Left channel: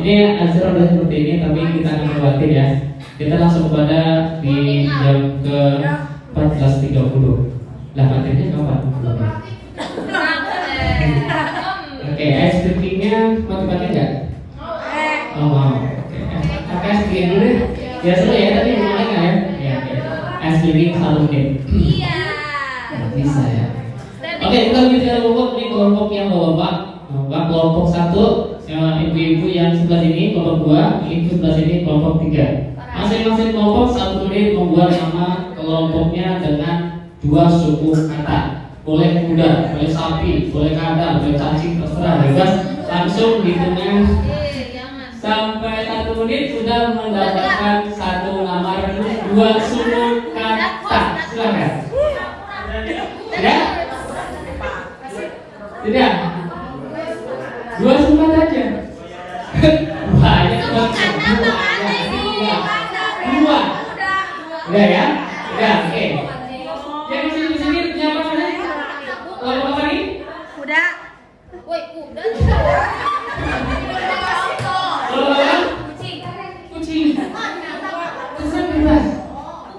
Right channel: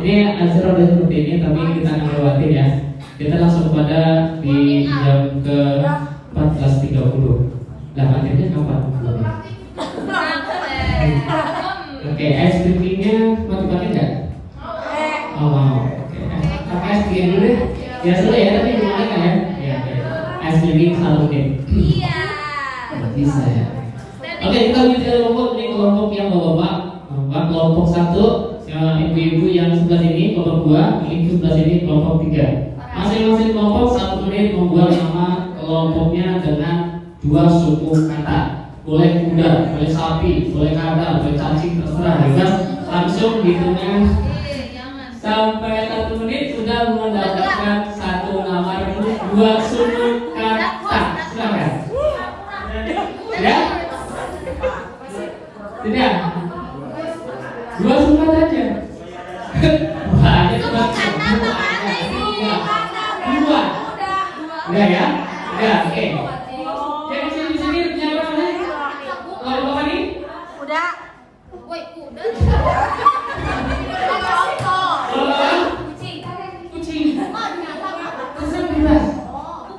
Ini Azra udah seperti ini, tapi kita akan khawatir ya. Kita langsung pada di jam ke 14.30. Lah akhirnya kapan? Oke, ice drinkingnya mau dipakai nggak? Oh mau. Oke, pakai ice drinking dulu deh. Ya seru ya, tapi boleh nggak ya? Ya oke. Ice drinking salon deh. Iya. Nggak bisa ya. Oke, kita bicara kelompok ini kelompok yang bapak. Kelompok 1 ibu-ibu yang sebelah sini, kelompok 2, ini sebelah sini, kelompok 3. Masing-masing kelompok 1 menit membuat nama kelompoknya dengan 2 suku kata. Boleh kuda, boleh sapi, boleh kadal, boleh cacing, terserah. Bebas, langsung dihitungnya sampai 1 menit sudah mendapatkan 1 nama 2 suku kata. Silakan. Ya? Tidak? 2 suku aja. Banyak banget. 2. Udah ya? Udah, oke. Yang di sini punya apa namanya? Kalau apa nih? Kuda. Woi, kuda. Kalau apa? Kucing. Terserah bebas.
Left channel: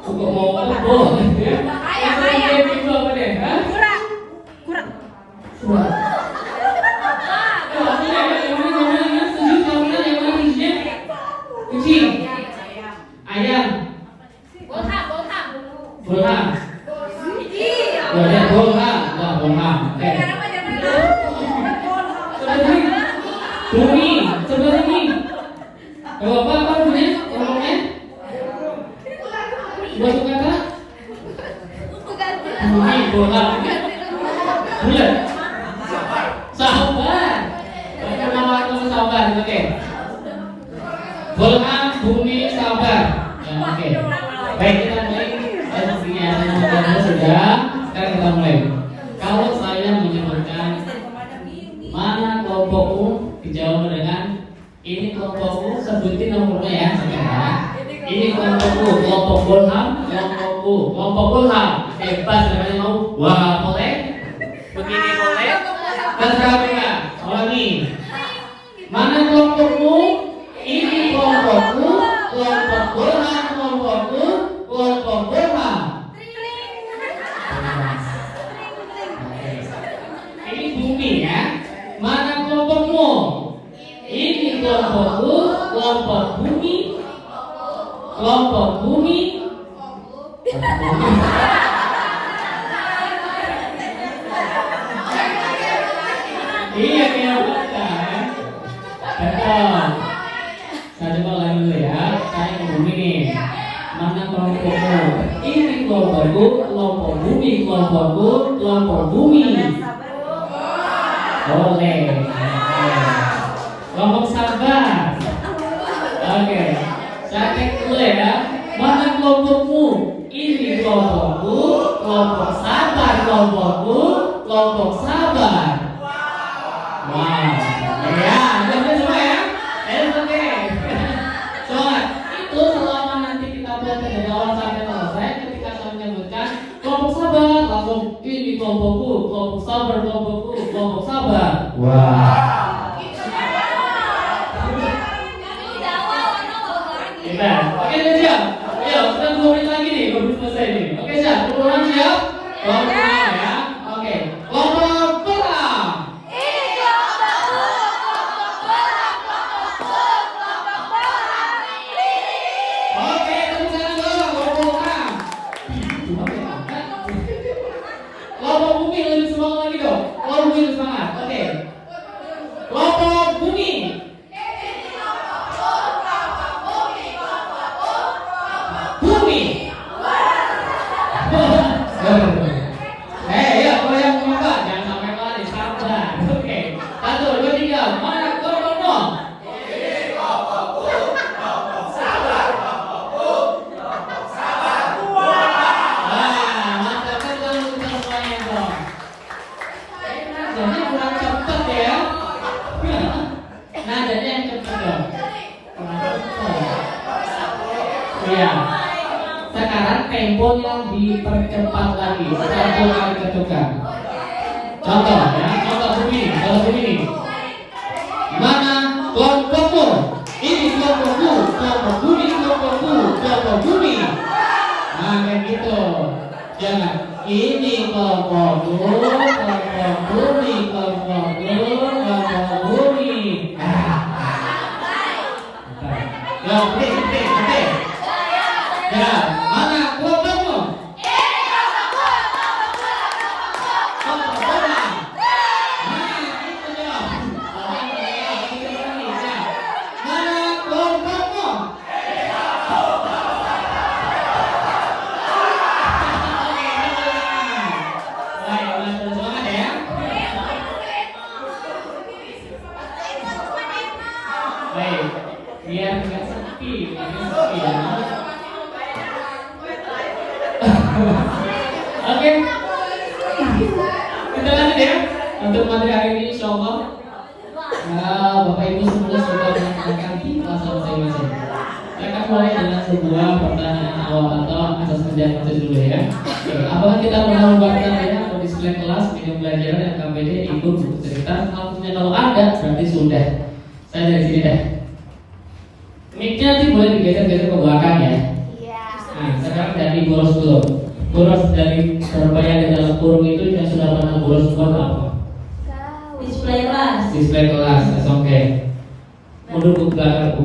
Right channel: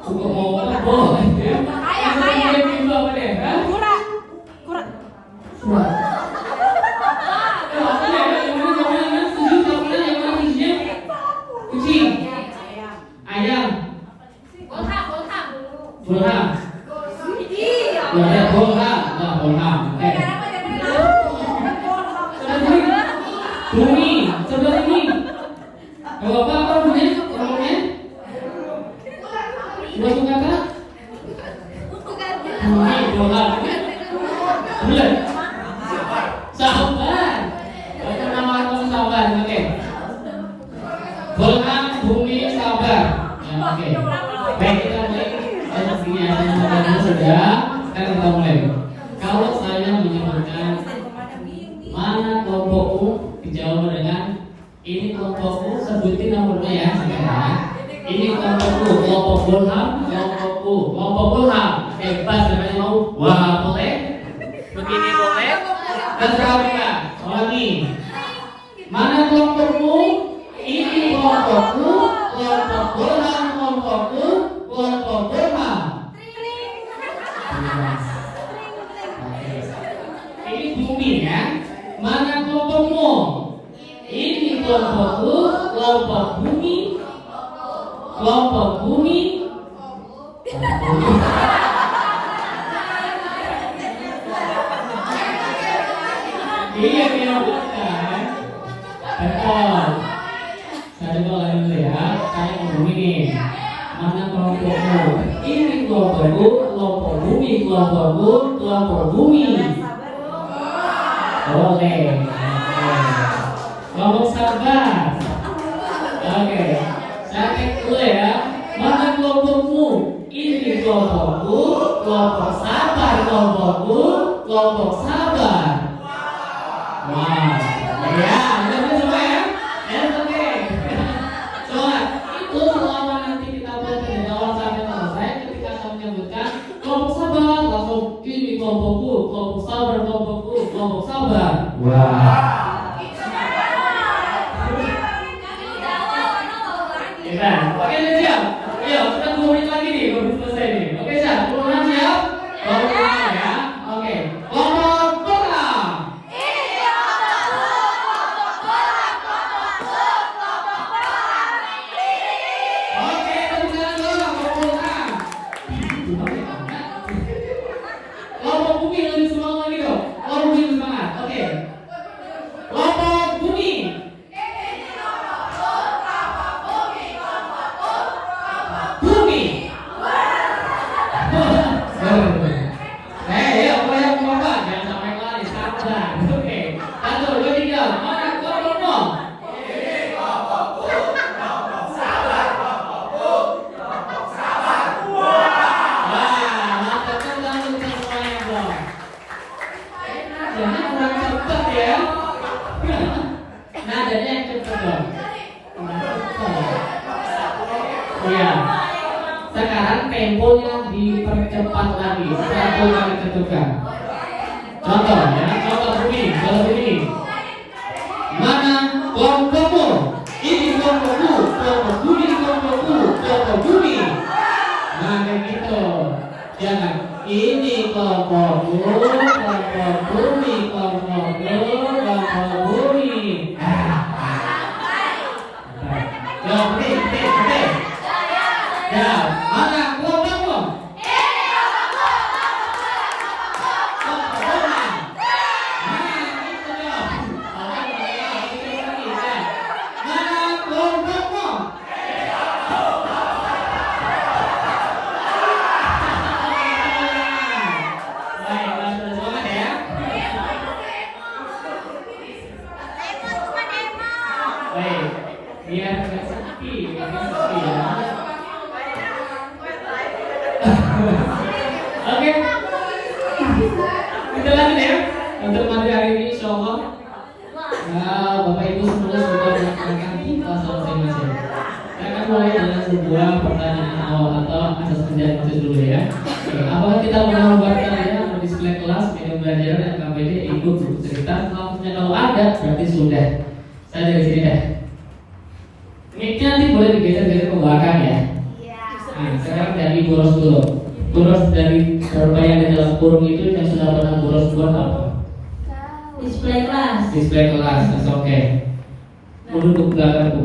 Kok mau boleh ya? Yang sering itu apa deh? Hah? Kura. Kura. Kucing, ayam, bolham, bolham, bumi, sebelah ini. Kalau apa namanya? Ngomongnya? 2 suku kata? Bumi, bolham, bulat, sabar. Nama aku sabar, oke. Bolham, bumi, sabar. Ya, oke. Baik, kita mulai. Semuanya sudah. Sekarang kita mulai. Kalau saya menyebutkan mana kelompokmu, dijawab dengan ini kelompokku, sebutin nomornya ya, saudara. Ini kelompokku, kelompok bolham, kelompokku, kelompok bolham. Bebas namanya mau. Wah, boleh. Begini boleh. Terserah mereka. Ulangi. Mana kelompokmu? Ini kelompokku, kelompok bolham, kelompokku, kelompok bolham. Ini bumi ya. Mana kelompokmu? Ini kelompokku, kelompok bumi, kelompok bumi. Iya, bukan. Betul. Saya coba lagi dulu ya. Saya ngomong ini. Mana kelompokmu? Ini kelompokku, kelompok bumi, kelompokku, kelompok bumi. Boleh. Kelompok sabar. Oke. Saya cek dulu ya. Mana kelompokmu? Ini kelompokku, kelompok sabar, kelompokku, kelompok sabar. Wow. Ya, jangan coba ya. Oke. Coba itu selama nanti kita belajar dari awal sampai selesai. Ketika saya menyebutkan kelompok sabar, langsung ini kelompokku, kelompok sabar, kelompokku, kelompok sabar. Wah. Kita, oke siap. Ayo, kita 2 menit lagi nih, baru selesai nih. Oke siap, kelompok siap. Kelompok ya. Oke. Kelompok bolham. Oke, tepuk tangan dulu, kelompok bolham. Kelompok bumi lebih semangat lagi dong. Kelompok bumi lebih semangat. Oke. Kelompok bumi. Bumi. Ya, kalau yang kelompok jangan sampai lari, sabar. Oke. 1, 2, 3. Mana kelompokmu? Jadi kurang cepat ya. Nadanya yang cepat dong. Iya. Sekarang temponya dipercepat lagi. 1 kali ketukan. Contoh ya, contoh begini, kalau begini. Mana kelompokmu? tokoku, toko bumi, tokoku, toko bumi. Nah kayak gitu. Jangan ini tokoku, toko bumi, tokoku, toko bumi. Ya, oke. Ya, mana kelompokmu? Biar nggak sepi ya. Oke, kita lanjut ya untuk materi hari ini, insyaallah. Nah, Bapak Ibu semua sudah mendengarkan kita masing-masing. Saya akan mulai dengan sebuah pertanyaan awal atau asas kerja dulu ya. Apakah kita pernah membuatkan ya display kelas, media pembelajaran yang KPD ikut buku cerita? Kalau ada, berarti sudah. Saya dari sini deh. Mic-nya nanti boleh digeser-geser ke belakang ya. Nah, sekarang dari boros dulu. Boros dari berapa yang di dalam kurung itu yang sudah pernah boros buat apa? Display kelas. Display kelas, oke. Mundur ke belakang Bu.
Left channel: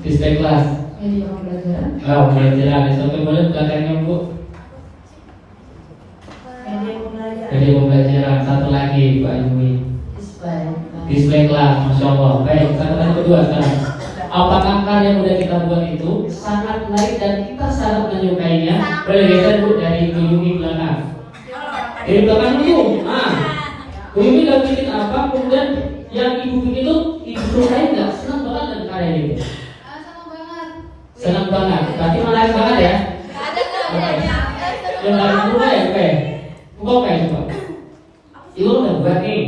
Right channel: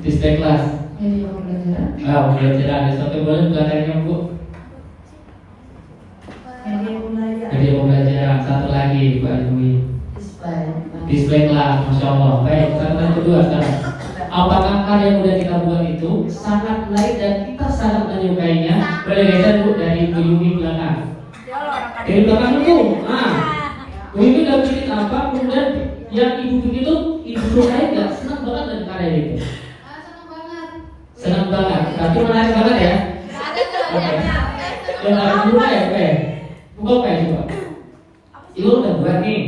Display kelas. Pembelajaran. Sampai boleh belakangnya Bu. Media pembelajaran. Satu lagi Pak Yumi. Display kelas, masya Allah. Baik, pertanyaan kedua sekarang. Apakah karya yang sudah kita buat itu sangat menarik dan kita sangat menyukainya? Bergeser dulu dari Ibu Yumi belakang. Dari belakang itu, Ibu Yumi udah bikin apa? Kemudian yang Ibu bikin itu Ibu sukai nggak? Senang banget dengan karya itu? Senang banget. Berarti menarik banget ya? Menarik juga ya, oke. Buka kayak coba. Ibu udah buat nih.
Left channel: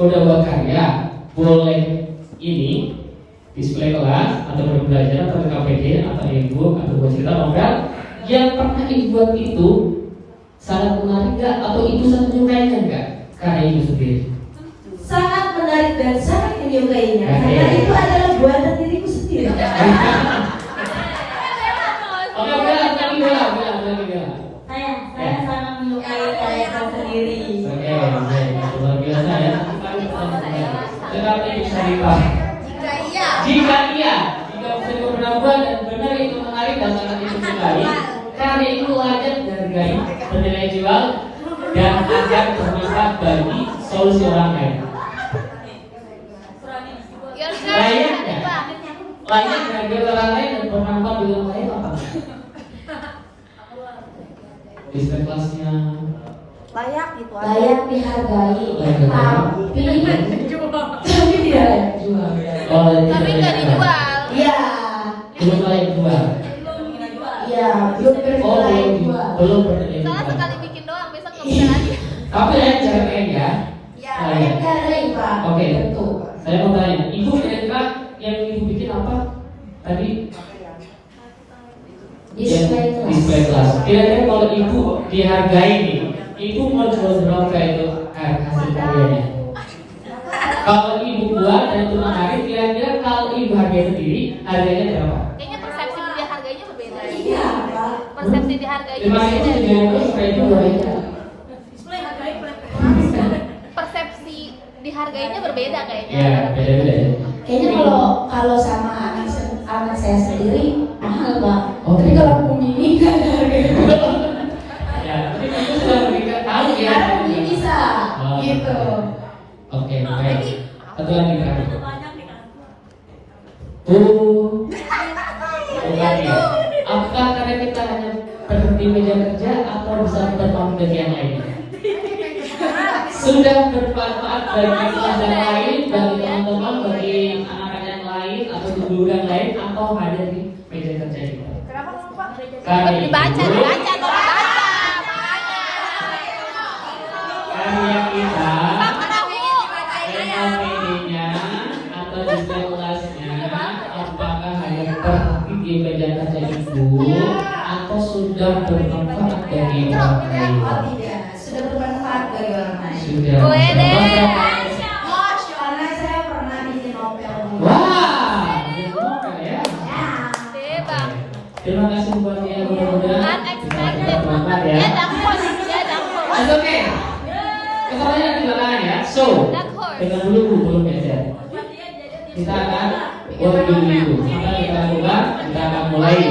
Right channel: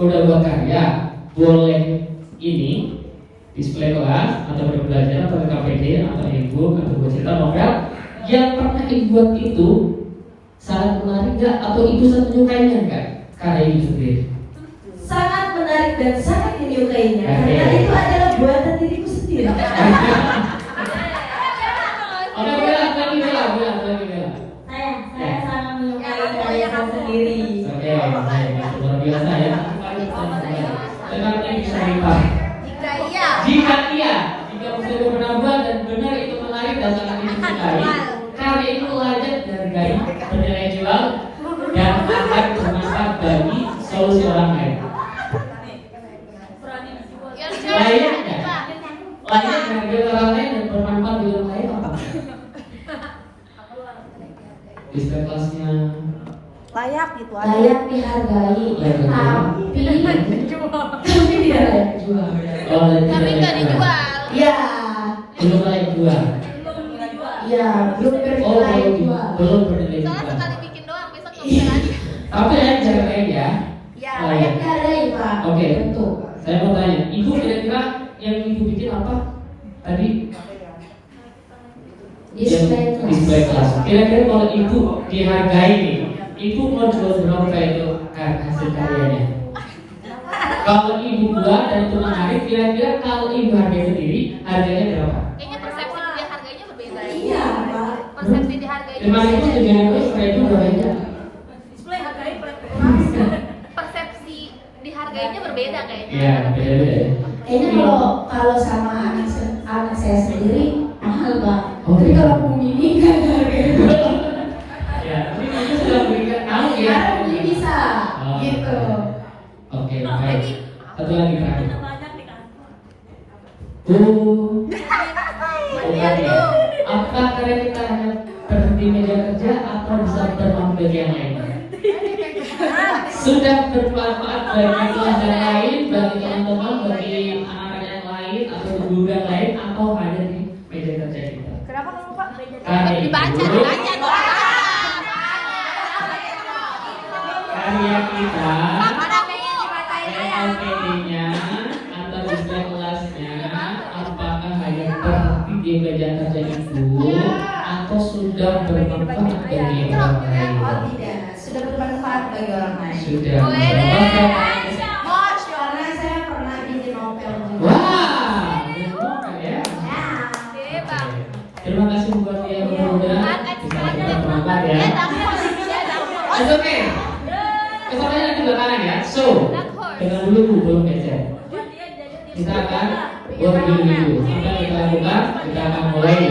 Udah buat karya, boleh ini display kelas atau pembelajaran atau KPD atau e-book atau buku cerita novel yang pernah ibu buat itu sangat menarik nggak atau ibu sangat menyukainya nggak karya ibu sendiri? Sangat menarik dan sangat menyukainya karena itu adalah buatan diriku sendiri. Oke, bela. Saya sangat menyukai karya saya sendiri. Oke, luar biasa ya. Tetapi bisa lipat. Jika bisa pernah buat dan benar itu menarik dan sangat disukai, karya itu layak dihargai, bernilai jual dan akan bermanfaat bagi solusi orang lain. Layaknya dihargai orang lain dan bermanfaat bagi orang lain apa? Display kelasnya Layak dihargai, tapi tidak layak jual. Oh, tidak layak jual. Iya. Belum layak jual. Iya, belum layak jual. Belum bernilai jual. Tapi layak dihargai ya. Layak. Dihargai Pak. Oke. Betul. Saya mau tanya, Ibu kira-kira yang Ibu bikin apa tadi? Display kelas. Kira-kira kalau Ibu dihargai nih, Ibu mau jual berapa itu hasil karyanya? Kalau Ibu buat dan itu menarik, kira-kira kalau Ibu hargai sendiri, harganya berapa? Kayaknya persepsi dia harganya berbeda. Iya Pak. Persepsi dia harganya 5.700 supaya itu berapa? persepsi dihargainya berbeda kayaknya. Ya, beda-beda ya. Kayaknya kalau sama anak saya sendiri mahal Pak. Oh, Tapi iya. kalau pembini kan harganya Ya, tapi itu sudah berikan tahu ya. bisa Oh. gitu. Oke, baik. Satu lagi Pak. Apakah karya kita hanya berhenti meja kerja atau bisa bermanfaat bagi yang lain? Sudah bermanfaat bagi kelas yang lain, bagi teman-teman, bagi anak-anak yang lain atau guru yang lain atau ada di meja kerja kita? Karya itu karya kita PLPD-nya atau display kelasnya apakah hanya terhenti di meja kerja ibu atau sudah bermanfaat bagi orang lain? Oh tidak, sudah bermanfaat bagi orang lain. Sudah. Wede. ya. Dia Oke, oke. Kesalahan nanti belakangan ya. So, dengan dulu belum geser. Kita akan buat dulu. Apa yang kita lakukan? Kita akan mulai.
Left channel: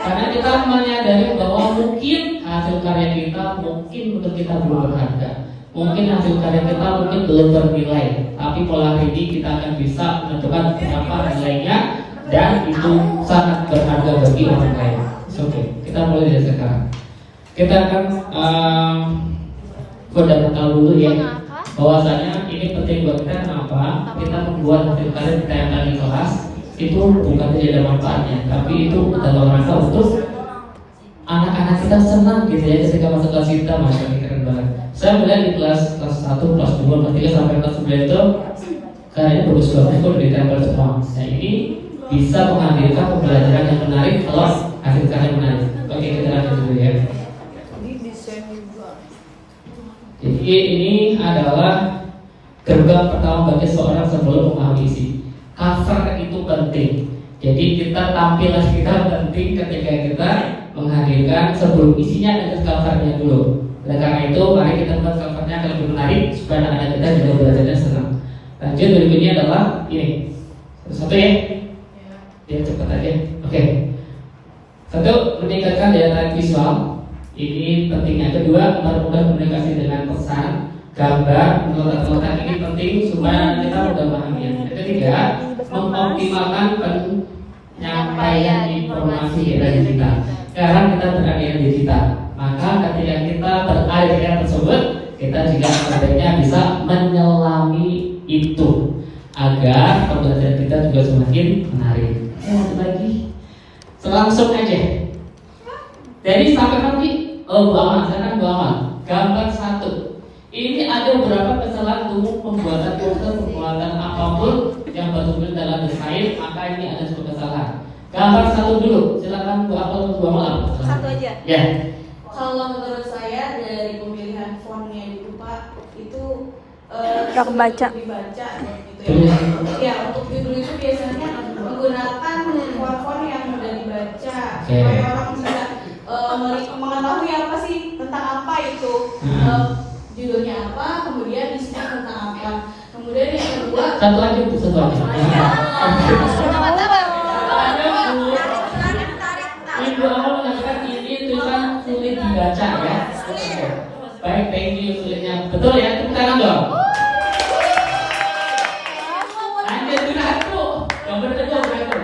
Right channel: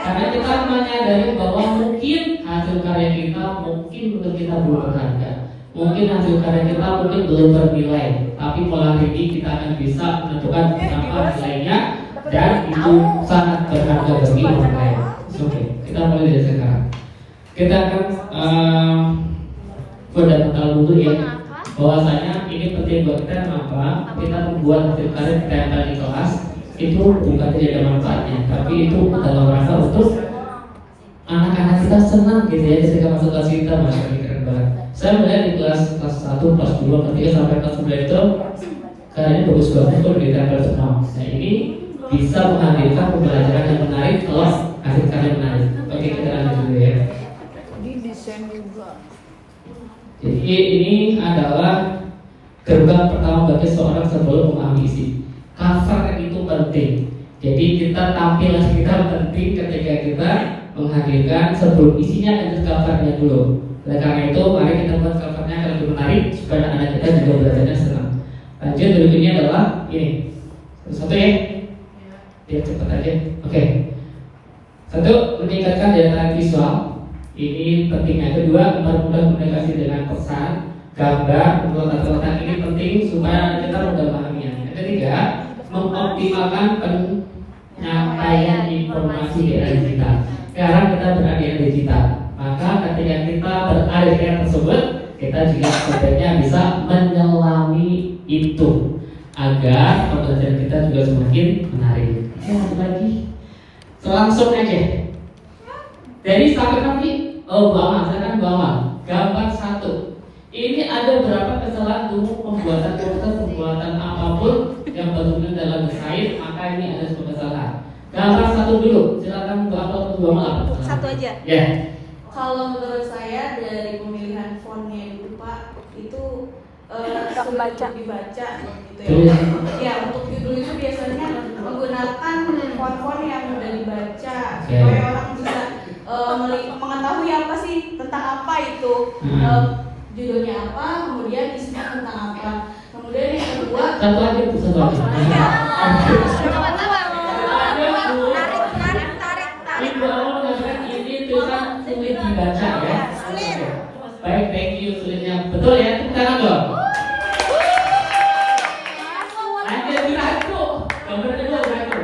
Karena kita menyadari bahwa mungkin hasil karya kita mungkin untuk kita belum berharga. Mungkin hasil karya kita mungkin belum ternilai. Tapi malam ini kita akan bisa menentukan berapa nilainya dan itu sangat berharga bagi orang lain. Oke, kita mulai dari sekarang. Kita akan fundamental dulu ya. Bahwasanya ini penting buat kita. Kenapa? Kita membuat hasil karya kita yang ada di kelas itu bukan tidak ada manfaatnya, tapi itu dalam rangka untuk anak-anak kita senang gitu ya ketika masuk kelas kita. Masih keren banget. Saya melihat di kelas 1, kelas 2, kelas 3 sampai kelas 9 itu karyanya bagus banget, itu ditempel semua. Nah ini bisa menghadirkan pembelajaran yang menarik kelas hasil karya menarik. Oke, kita lanjut dulu ya. Jadi ini adalah gerbang pertama bagi seorang sebelum memahami isi. Cover itu penting. Jadi kita tampilan kita penting ketika kita menghadirkan sebelum isinya dan covernya dulu. Oleh karena itu mari kita buat covernya akan lebih menarik supaya anak kita juga belajarnya senang. Lanjut berikutnya adalah ini. Satu ya. Biar cepat aja. Oke. Satu, meningkatkan daya tarik visual. Ini pentingnya. Kedua, mempermudah komunikasi dengan pesan, gambar, menurut letak ini penting supaya kita mudah memahaminya. Yang ketiga, mengoptimalkan penyampaian informasi di era digital. Sekarang kita berada di era digital, maka ketika kita berada di era tersebut, kita juga sebenarnya bisa menyelami itu agar pembelajaran kita juga semakin menarik. Lagi, langsung aja. Jadi sampai nanti, sekarang gambar 1. Ini ada beberapa kesalahan umum pembuatan poster, pembuatan apapun yang berhubungan dalam desain, maka ini ada sebuah kesalahan. Gambar 1 dulu, silakan Bu Apel, Bu Amal. Satu aja. Ya. Kalau menurut saya dari pemilihan fontnya itu Pak, itu Baca. dibaca gitu Terus? ya. Untuk judul itu biasanya menggunakan font yang mudah dibaca Oke. supaya orang bisa mengetahui apa sih tentang apa itu judulnya apa, kemudian isinya tentang apa. Kemudian yang kedua, Satu aja Bu, satu aja. Ibu Amal mengatakan ini tulisan sulit dibaca ya. Oke. Baik, thank you sulitnya. Betul ya, tepuk tangan dong. Lanjut satu. Gambar kedua berapa?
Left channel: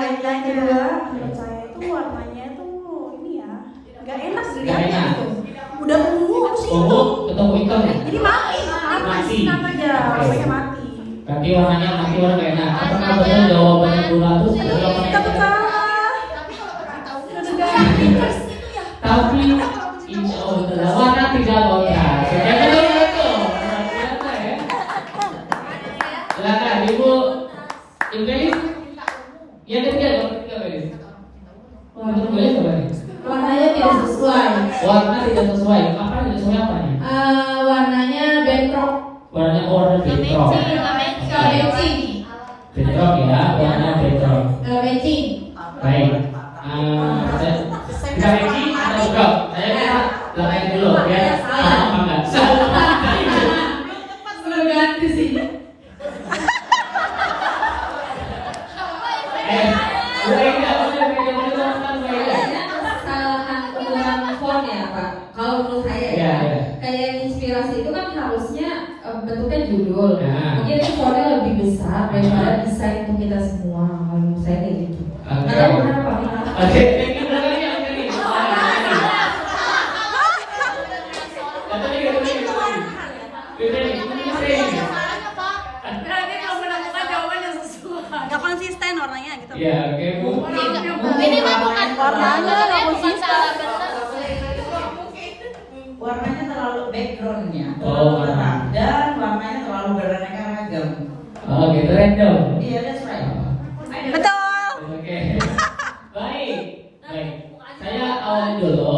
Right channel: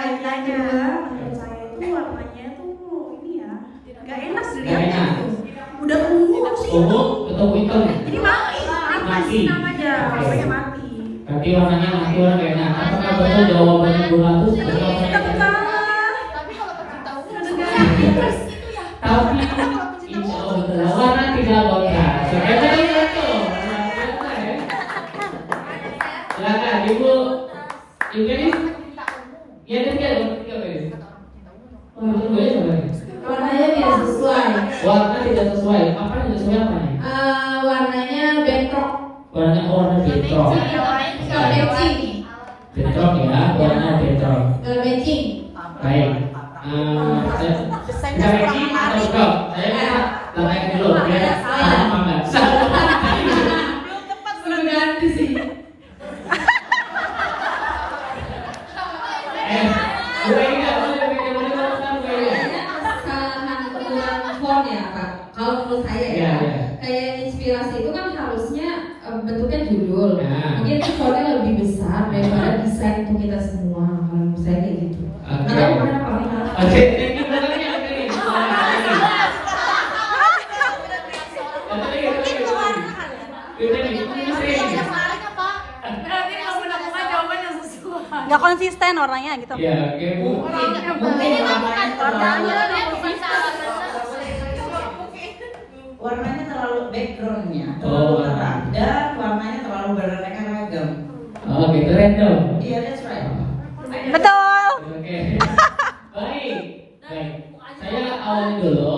Yang kedua, menurut saya itu warnanya itu ini ya, nggak enak sih. Nggak enak. Udah ungu sih. Ungu ketemu hitam ya? Mati aja, warnanya mati. Tapi warnanya mati, warna enak. Apakah betul jawabannya Bu Ratu adalah warna yang Tapi enak? Tapi insya Allah betul. Warna tidak kontras. Oke, betul. Ternyata ya. Silakan Ibu. Ibu Gelis. Yang ketiga dong, ketiga Gelis. Warna keduanya apa nih? warnanya tidak sesuai. Warna tidak sesuai. Apa tidak sesuai apa nih? Warnanya bentrok. Warnanya order bentrok. Nggak matching. Bentrok ya, warna bentrok. Nggak matching. Baik. Bisa matching atau bentrok? Saya kira belakangnya dulu ya. Sama banget. Sudah ganti sih. Kesalahan penggunaan font ya Kak. Kalau menurut saya ya, kayak inspirasi itu kan harusnya bentuknya judul. Nah. Mungkin ini fontnya lebih besar daripada desain untuk kita semua. Kalau menurut saya kayak gitu. Oke. Atau kenapa? Oke. Nggak konsisten warnanya gitu. Ya, oke Bu. Mungkin itu bukan Warnanya nggak konsisten. Warnanya terlalu backgroundnya Oh, terang dan warnanya terlalu beraneka ragam. Oh, gitu random. Iya, that's right. Betul. Oke. Baik. Baik. Saya awali dulu.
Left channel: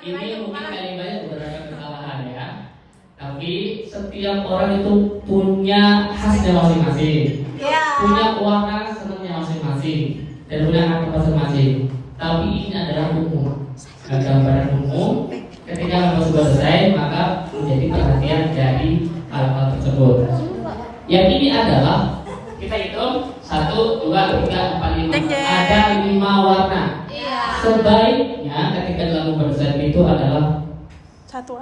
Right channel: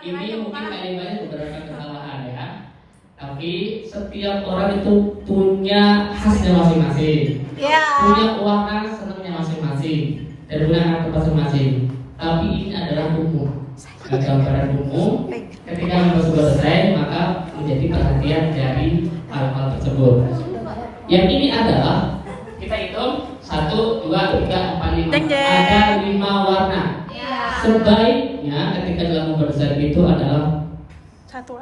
Ini mungkin kalimatnya beberapa kesalahan ya. Tapi setiap orang itu punya khasnya masing-masing. Punya warna senangnya masing-masing dan punya hati masing-masing. Tapi ini adalah umum. gambaran umum. Ketika kamu sudah selesai, maka menjadi perhatian dari hal-hal tersebut. Yang ini adalah kita hitung 1, 2, 3, 4, 5. Ada 5 warna. Sebaiknya ketika dalam gambar besar itu adalah Satu.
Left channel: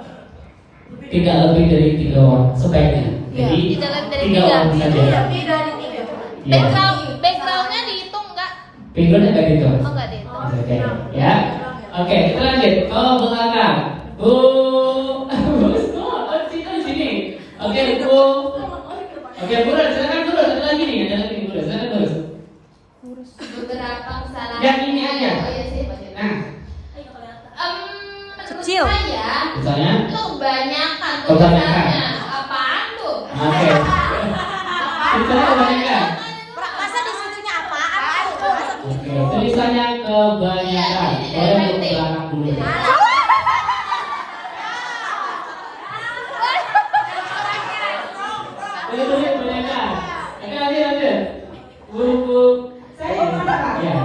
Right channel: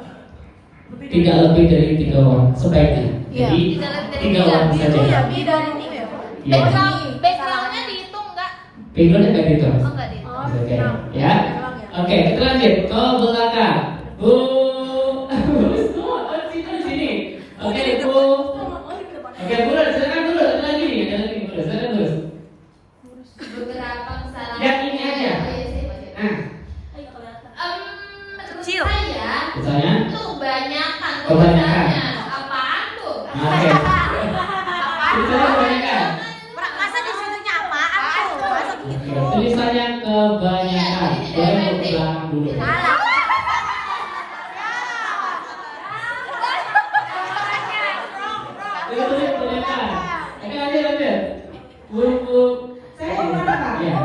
tidak lebih dari 3 warna. Sebaiknya. Jadi 3 warna saja. Lebih dari 3. Ya. Backgroundnya dihitung nggak? Pinggulnya kayak gitu. Oh nggak dihitung. Oke, ya. Oke, kita lanjut ke belakang. Bu, di sini. Oke, Bu. Oke, Bu, silakan dulu. Ada lagi nih, Bu. Silakan terus. Beberapa kesalahan. Yang ini aja. Nah, Kecil. Saya misalnya. itu kebanyakan. Kebanyakan. Apaan tuh? Oke. Misalnya kebanyakan. Masa disuruhnya apaan tuh? Oke, tulisannya kebanyakan. Boleh buka dulu. Itu tulis kebanyakan. Oke, lanjut. Bu. Ya.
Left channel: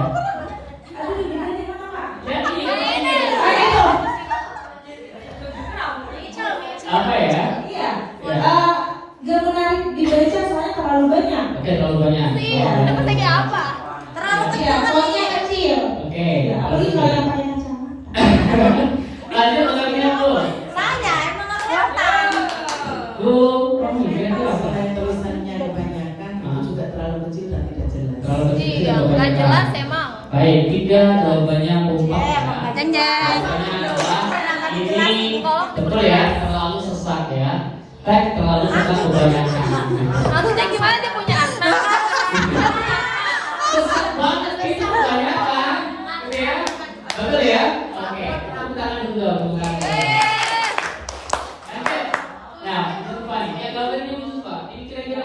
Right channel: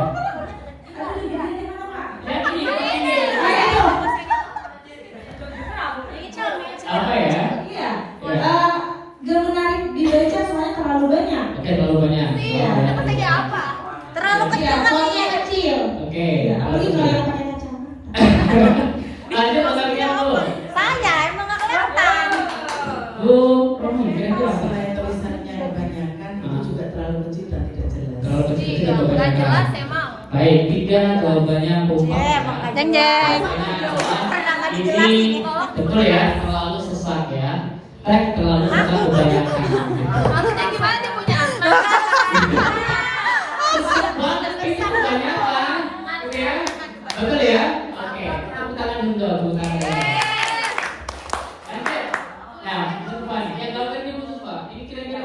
Apa ya? Iya. Ya. Gak menarik dibaca soalnya terlalu banyak. Oke, terlalu banyak. Iya, pentingnya apa? Terlalu Iya, kecil soalnya kecil. kecil. Oke. Apalagi kalau yang pakai kacamata. Lanjut orangnya, Bu. Saya emang kelihatan. Bu, kamu itu apa? Selain tulisannya kebanyakan, itu juga terlalu kecil dan tidak jelas. Terlalu kecil Iya, tidak nggak kebanyakan. jelas emang. Baik, 3 jawabannya kompak. Jeng jeng. Jawabannya adalah ini betul ya, terlalu sesat ya. Terlalu sesat kebanyakan. Maksudnya gimana dia punya anak? Sesat banget itu kebanyakan. Oke ya? Betul ya? Oke, tepuk tangan dulu, tepuk tangan. Nah, Zulfan, ya kalau ini Zulfan, ini kira-kira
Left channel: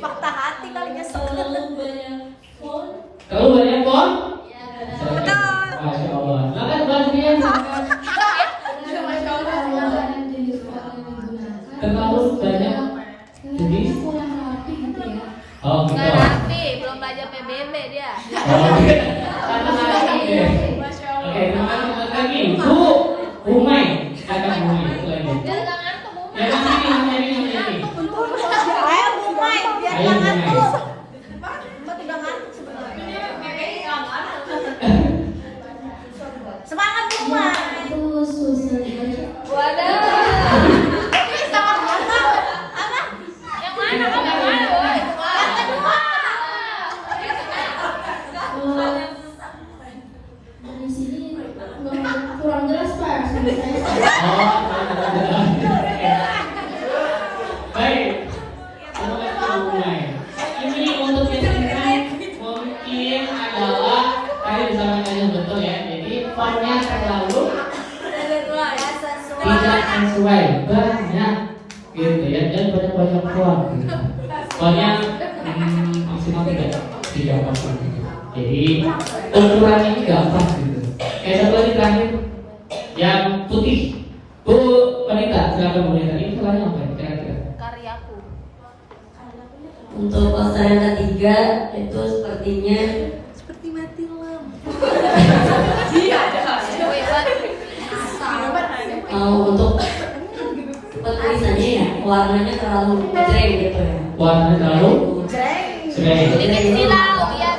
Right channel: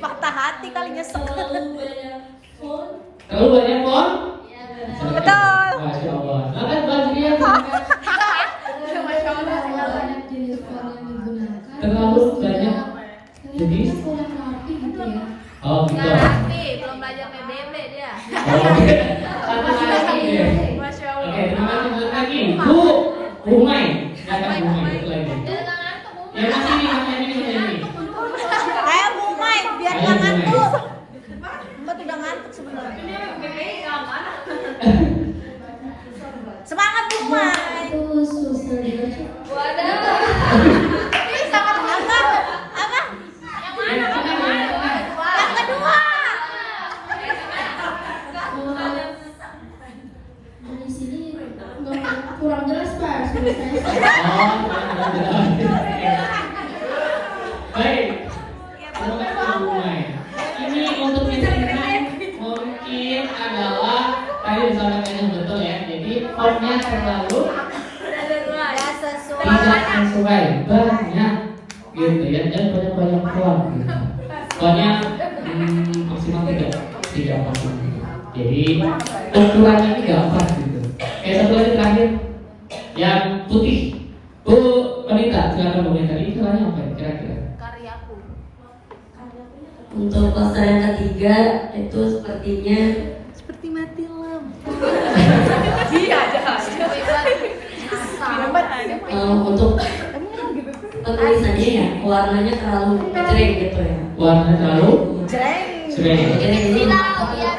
Patah hati kali nyesel. terlalu banyak font? Betul. Masya Allah. Silakan Basria. Terlalu banyak jenis. Oh gitu. Nggak rapi, belum belajar PBB dia. Oh, oke. Oke, terima kasih lagi. Bu, Umay. Silakan Umay. Satu lagi. Yang ini. Ayo mulai, biar Ayo, jangan Umay. tuh. Lo tidak ngantuk sebenarnya. Semangat Umay. Waduh. Bisa makan. Yang mana? Yang kedua. Kurang jelas Pak. Baik. Terima kasih Umay. Ini untuk yang mungkin adalah tadi disampaikan betul ya. Jadi fontnya terlalu tidak sesuai, banyak gitu ya, dan banyak font gitu. Fontnya maksimal tidak pas gitu. Jadi ukurannya tidak pas gitu. Satu lagi terakhir yang putih. Bu Wanita, silakan Bu Wanita. Ini ukurannya apa ya kira-kira? Karyaku. Untuk pasal yang ketiga itu sepertinya Seperti mati lampu. untuk penulisannya ya warnanya terlalu jreng gitu ya. Warnanya terlalu Jreng. jreng. Silau, iya.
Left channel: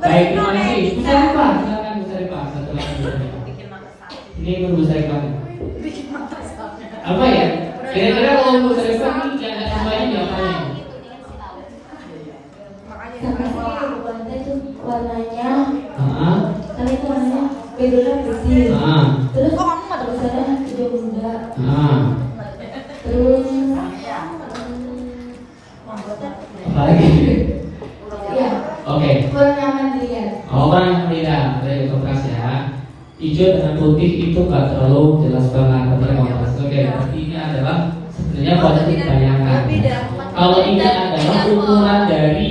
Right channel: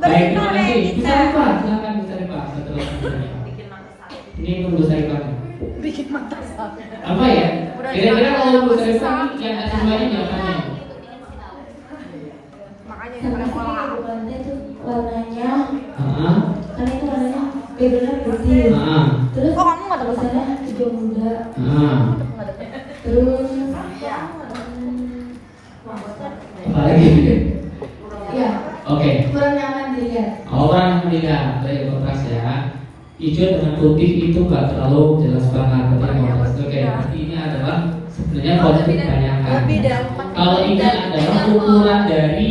Baik, terima kasih. Bisa Pak, silakan bisa Pak. Satu lagi. Ini Bu Saifah. Apa ya? Kira-kira kalau Bu Saifah ini yang ada semuanya diapanya? Warnanya itu warnanya Ah, karena itu warnanya backgroundnya putih. ah, Terus tulisannya hijau muda. ah. Terus Apa lagi? ya Oke. kurang nyaman dilihat. Orang yang melihat dari kontras ya, hijau dengan putih itu nggak terlalu jelas banget tentang kontras. Oke, tapi ini adalah sebenarnya kontras kebanyakan. Kalau ini adalah ukuran dari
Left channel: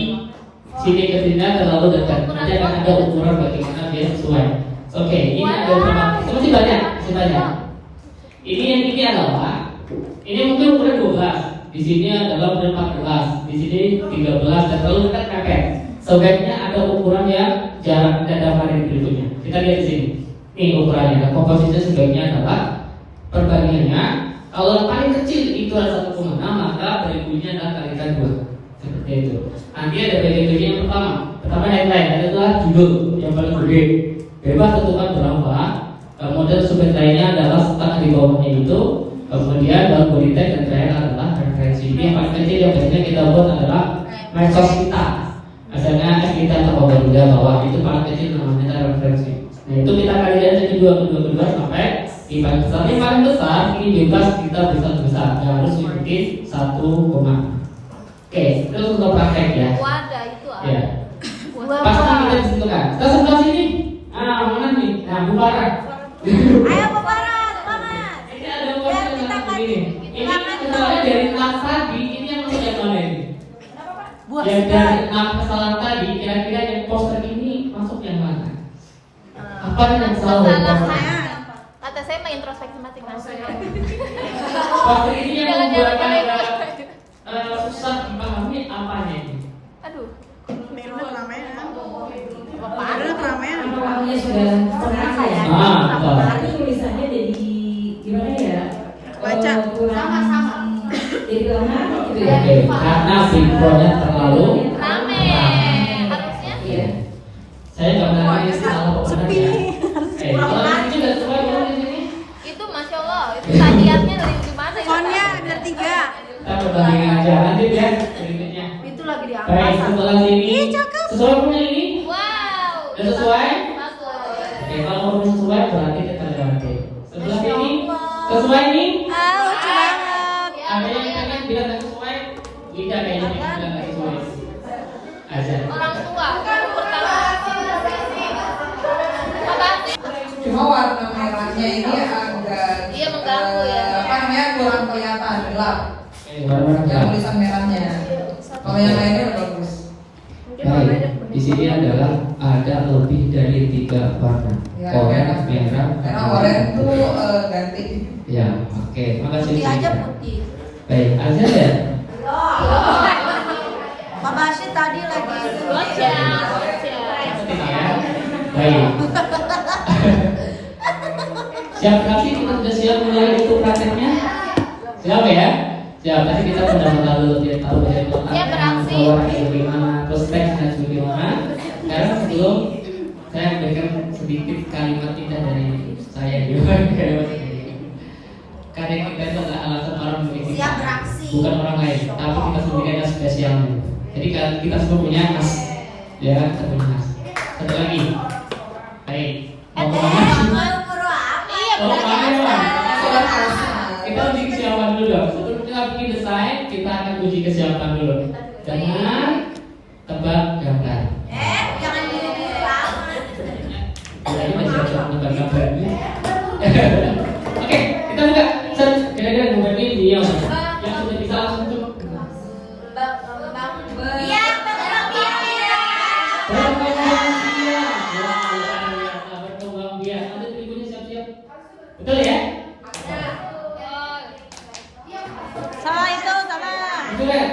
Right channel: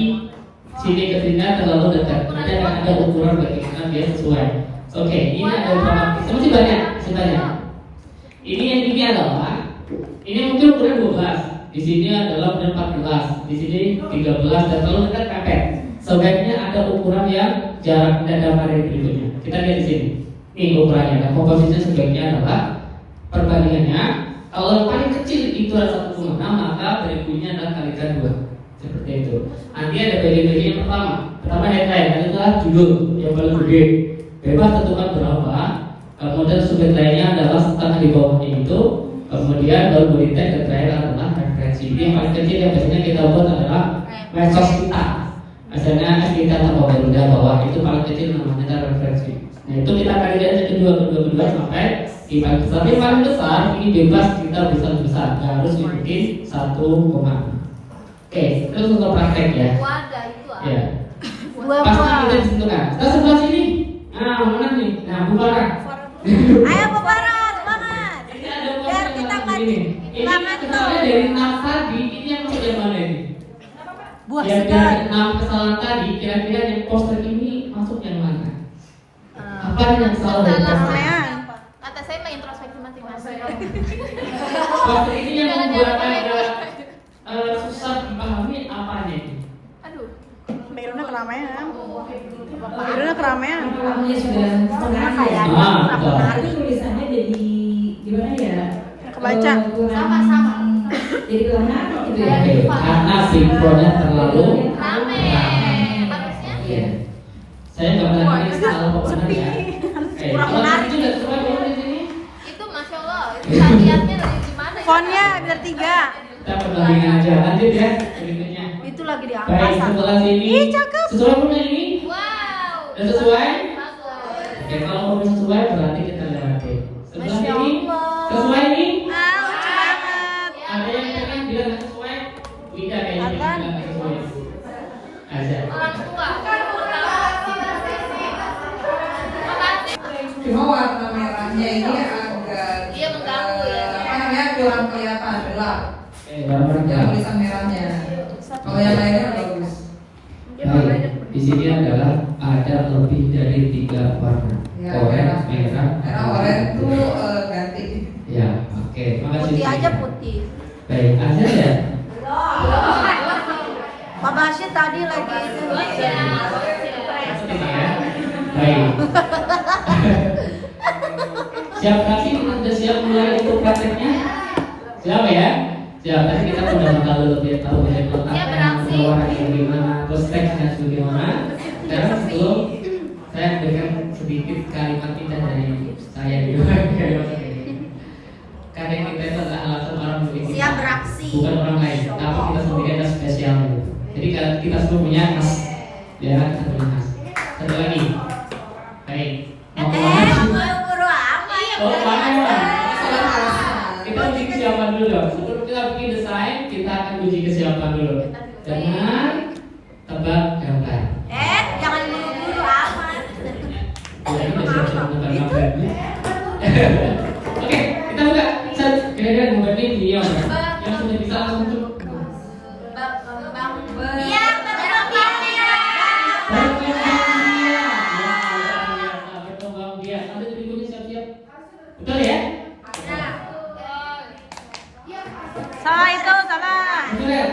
sini ke sini terlalu dekat, nanti akan ada ukuran bagaimana dia sesuai. Oke, ini ada beberapa, masih banyak, sebenarnya. Ini adalah, ini mungkin ukuran 12, di sini adalah ukuran 14, di sini 13 dan terlalu dekat mepet. sebaiknya ada ukuran yang jarak dari berikutnya. Kita lihat di sini. Ini ukurannya. Nah, komposisi sebaiknya adalah perbandingannya. Kalau yang paling kecil itu adalah 1,6, maka berikutnya adalah kalikan 2. Seperti itu. Nanti ada bagian yang pertama. Pertama headline, itu adalah judul yang paling gede. Bebas tentukan berapa. Kemudian subheadline-nya adalah start di bawahnya itu. Kemudian baru body tag dan terakhir adalah referensi. Ini yang paling kecil yang biasanya kita buat adalah medsos kita. Misalnya kita tahu juga bahwa itu paling kecil namanya referensi. Nah itu kita kali dari kedua sampai di paling besar. Yang paling besar ini bebas kita bisa besar. Nggak harus dibikin 1, oke, terus untuk praktek ya. Wadah itu apa? Ya. Pasti kita ditentukan. Kita sebelah sini. Ah, mana nih? Nah, Bukara. Ayo Bukara, semangat. Ini ada poster yang begini. Ini kesalahan dari 6 tadi. Ini yang masuk yang mana ini? Yang dari 6 kesalahan tadi, kira-kira yang poster ini masuk yang mana? Apa yang salah dari poster? Kata saya mah introspeksi masing-masing. Poster ini yang membuat agak susah dipahami apanya ini? Aduh. Backgroundnya keramaian. Namanya sudah setengah ya. Betul. Tapi tulisannya jadi gimana ya? Kebaca. Sama-sama. Jadi kelemahan gitu ya. Oke, karena sinkronnya terlalu Rame. Harusnya. Iya. saya nggak mengerti salah pokoknya. Sepi. Kalau di sini nggak sesuai dulu di sini. Itu Masya Allah. Itu hadiahnya dari gimana? Fontnya biar 3. Kita perbandingin aja nanti ya berikutnya. Itu lagi Baik, diangkat. sebelah sini. Ih, cakep. Sesuai punya ini? Wow. Udah sesuai? Masuk. Oke, kalau mau sesuai berarti kita lewati. Sebelah sini sesuai nih? Ah, lucu banget. Ada yang pengen bilang nggak sesuai? Tidak kayaknya pengen bilang nggak sesuai. Aja. Orang tua. Cuma warna merahnya ini agak Iya, mengganggu ya. apa namanya kurang kelihatan gelap. Baru Yang rekam. tulisan merahnya. Kalau yang lainnya udah bagus. Baik, di sini adalah ada lebih dari 3 warna. Ya, Oranye, merah, Karena oranye tuh ganti. Ya, oke. Terima kasih. Putih aja putih. Baik, aja ya. Pak Bashir tadi lagi itu. Baik. Siap kali kita sudah siap mulai untuk prakteknya? Siap ya? Siap, nanti kita sudah lebih tahu bagaimana warna yang gimana, terus teks dan sebagainya. Sekarang sebelum saya berikan sedikit kalimat indah dari saya juga karena kita itu adalah alasan orang memiliki Siap beraksi. bukan orang lain, tapi kita sendiri adalah spesialnya. Jadi kalau kita semua punya khas, ya kan, satu khas. Satu lagi, baik. Mau kemana sih? Mau kemana Mas? Kita uji kesiapan dulu. Sebelum kita bikin desain, kita akan uji kesiapan dulu. Jangan tebak gambar. Jangan buru-buru amat. Ini masih siap-siap tebak gambar. Oke, kita buka. Kira-kira gambar ini dia yang sudah bisa langsung tuh. Iya, Betul ya? Salah itu, salah. Betul ya?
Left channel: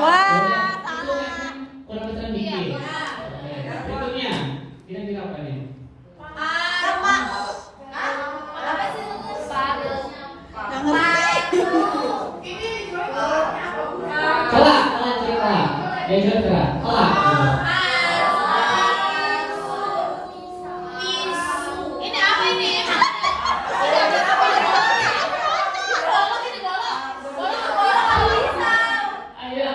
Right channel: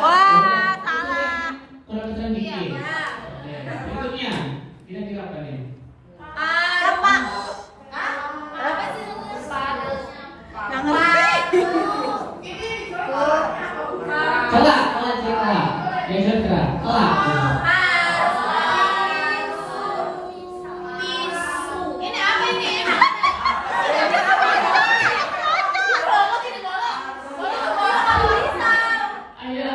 Wah, salah. Kurang mikir. Berikutnya, kira-kira apa nih? Nggak ngerti. Kelak, kelak. Yang jelas kelak. Kelak. Ini apa ini? Ayo.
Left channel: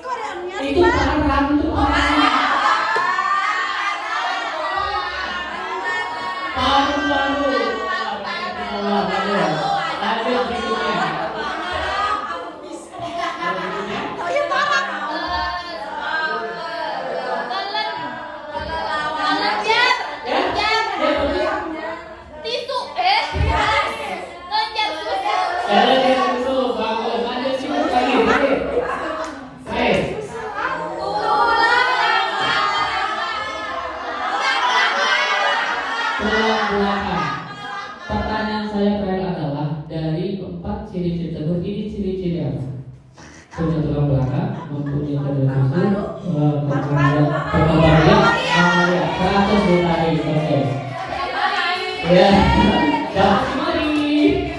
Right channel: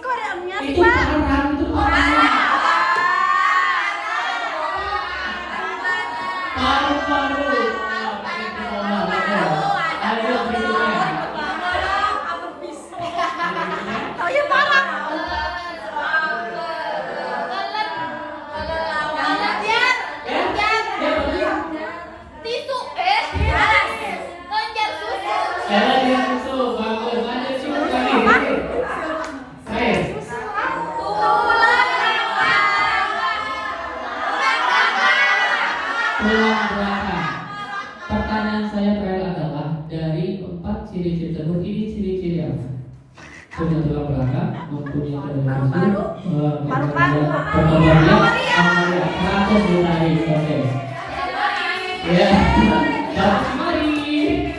Kok ada nya sih, Itu Pak? parah, itu parah. Paru-paru. Ayo berikutnya. Oh ya parah. Tisu. Jalan dengan susu, bagus. Lanjut susu lagi. Baik. Tulang belakang. Pertanyaan saya adalah dari 4 ciri-ciri tersebut ini ciri-ciri apa? Ya, dan mari ini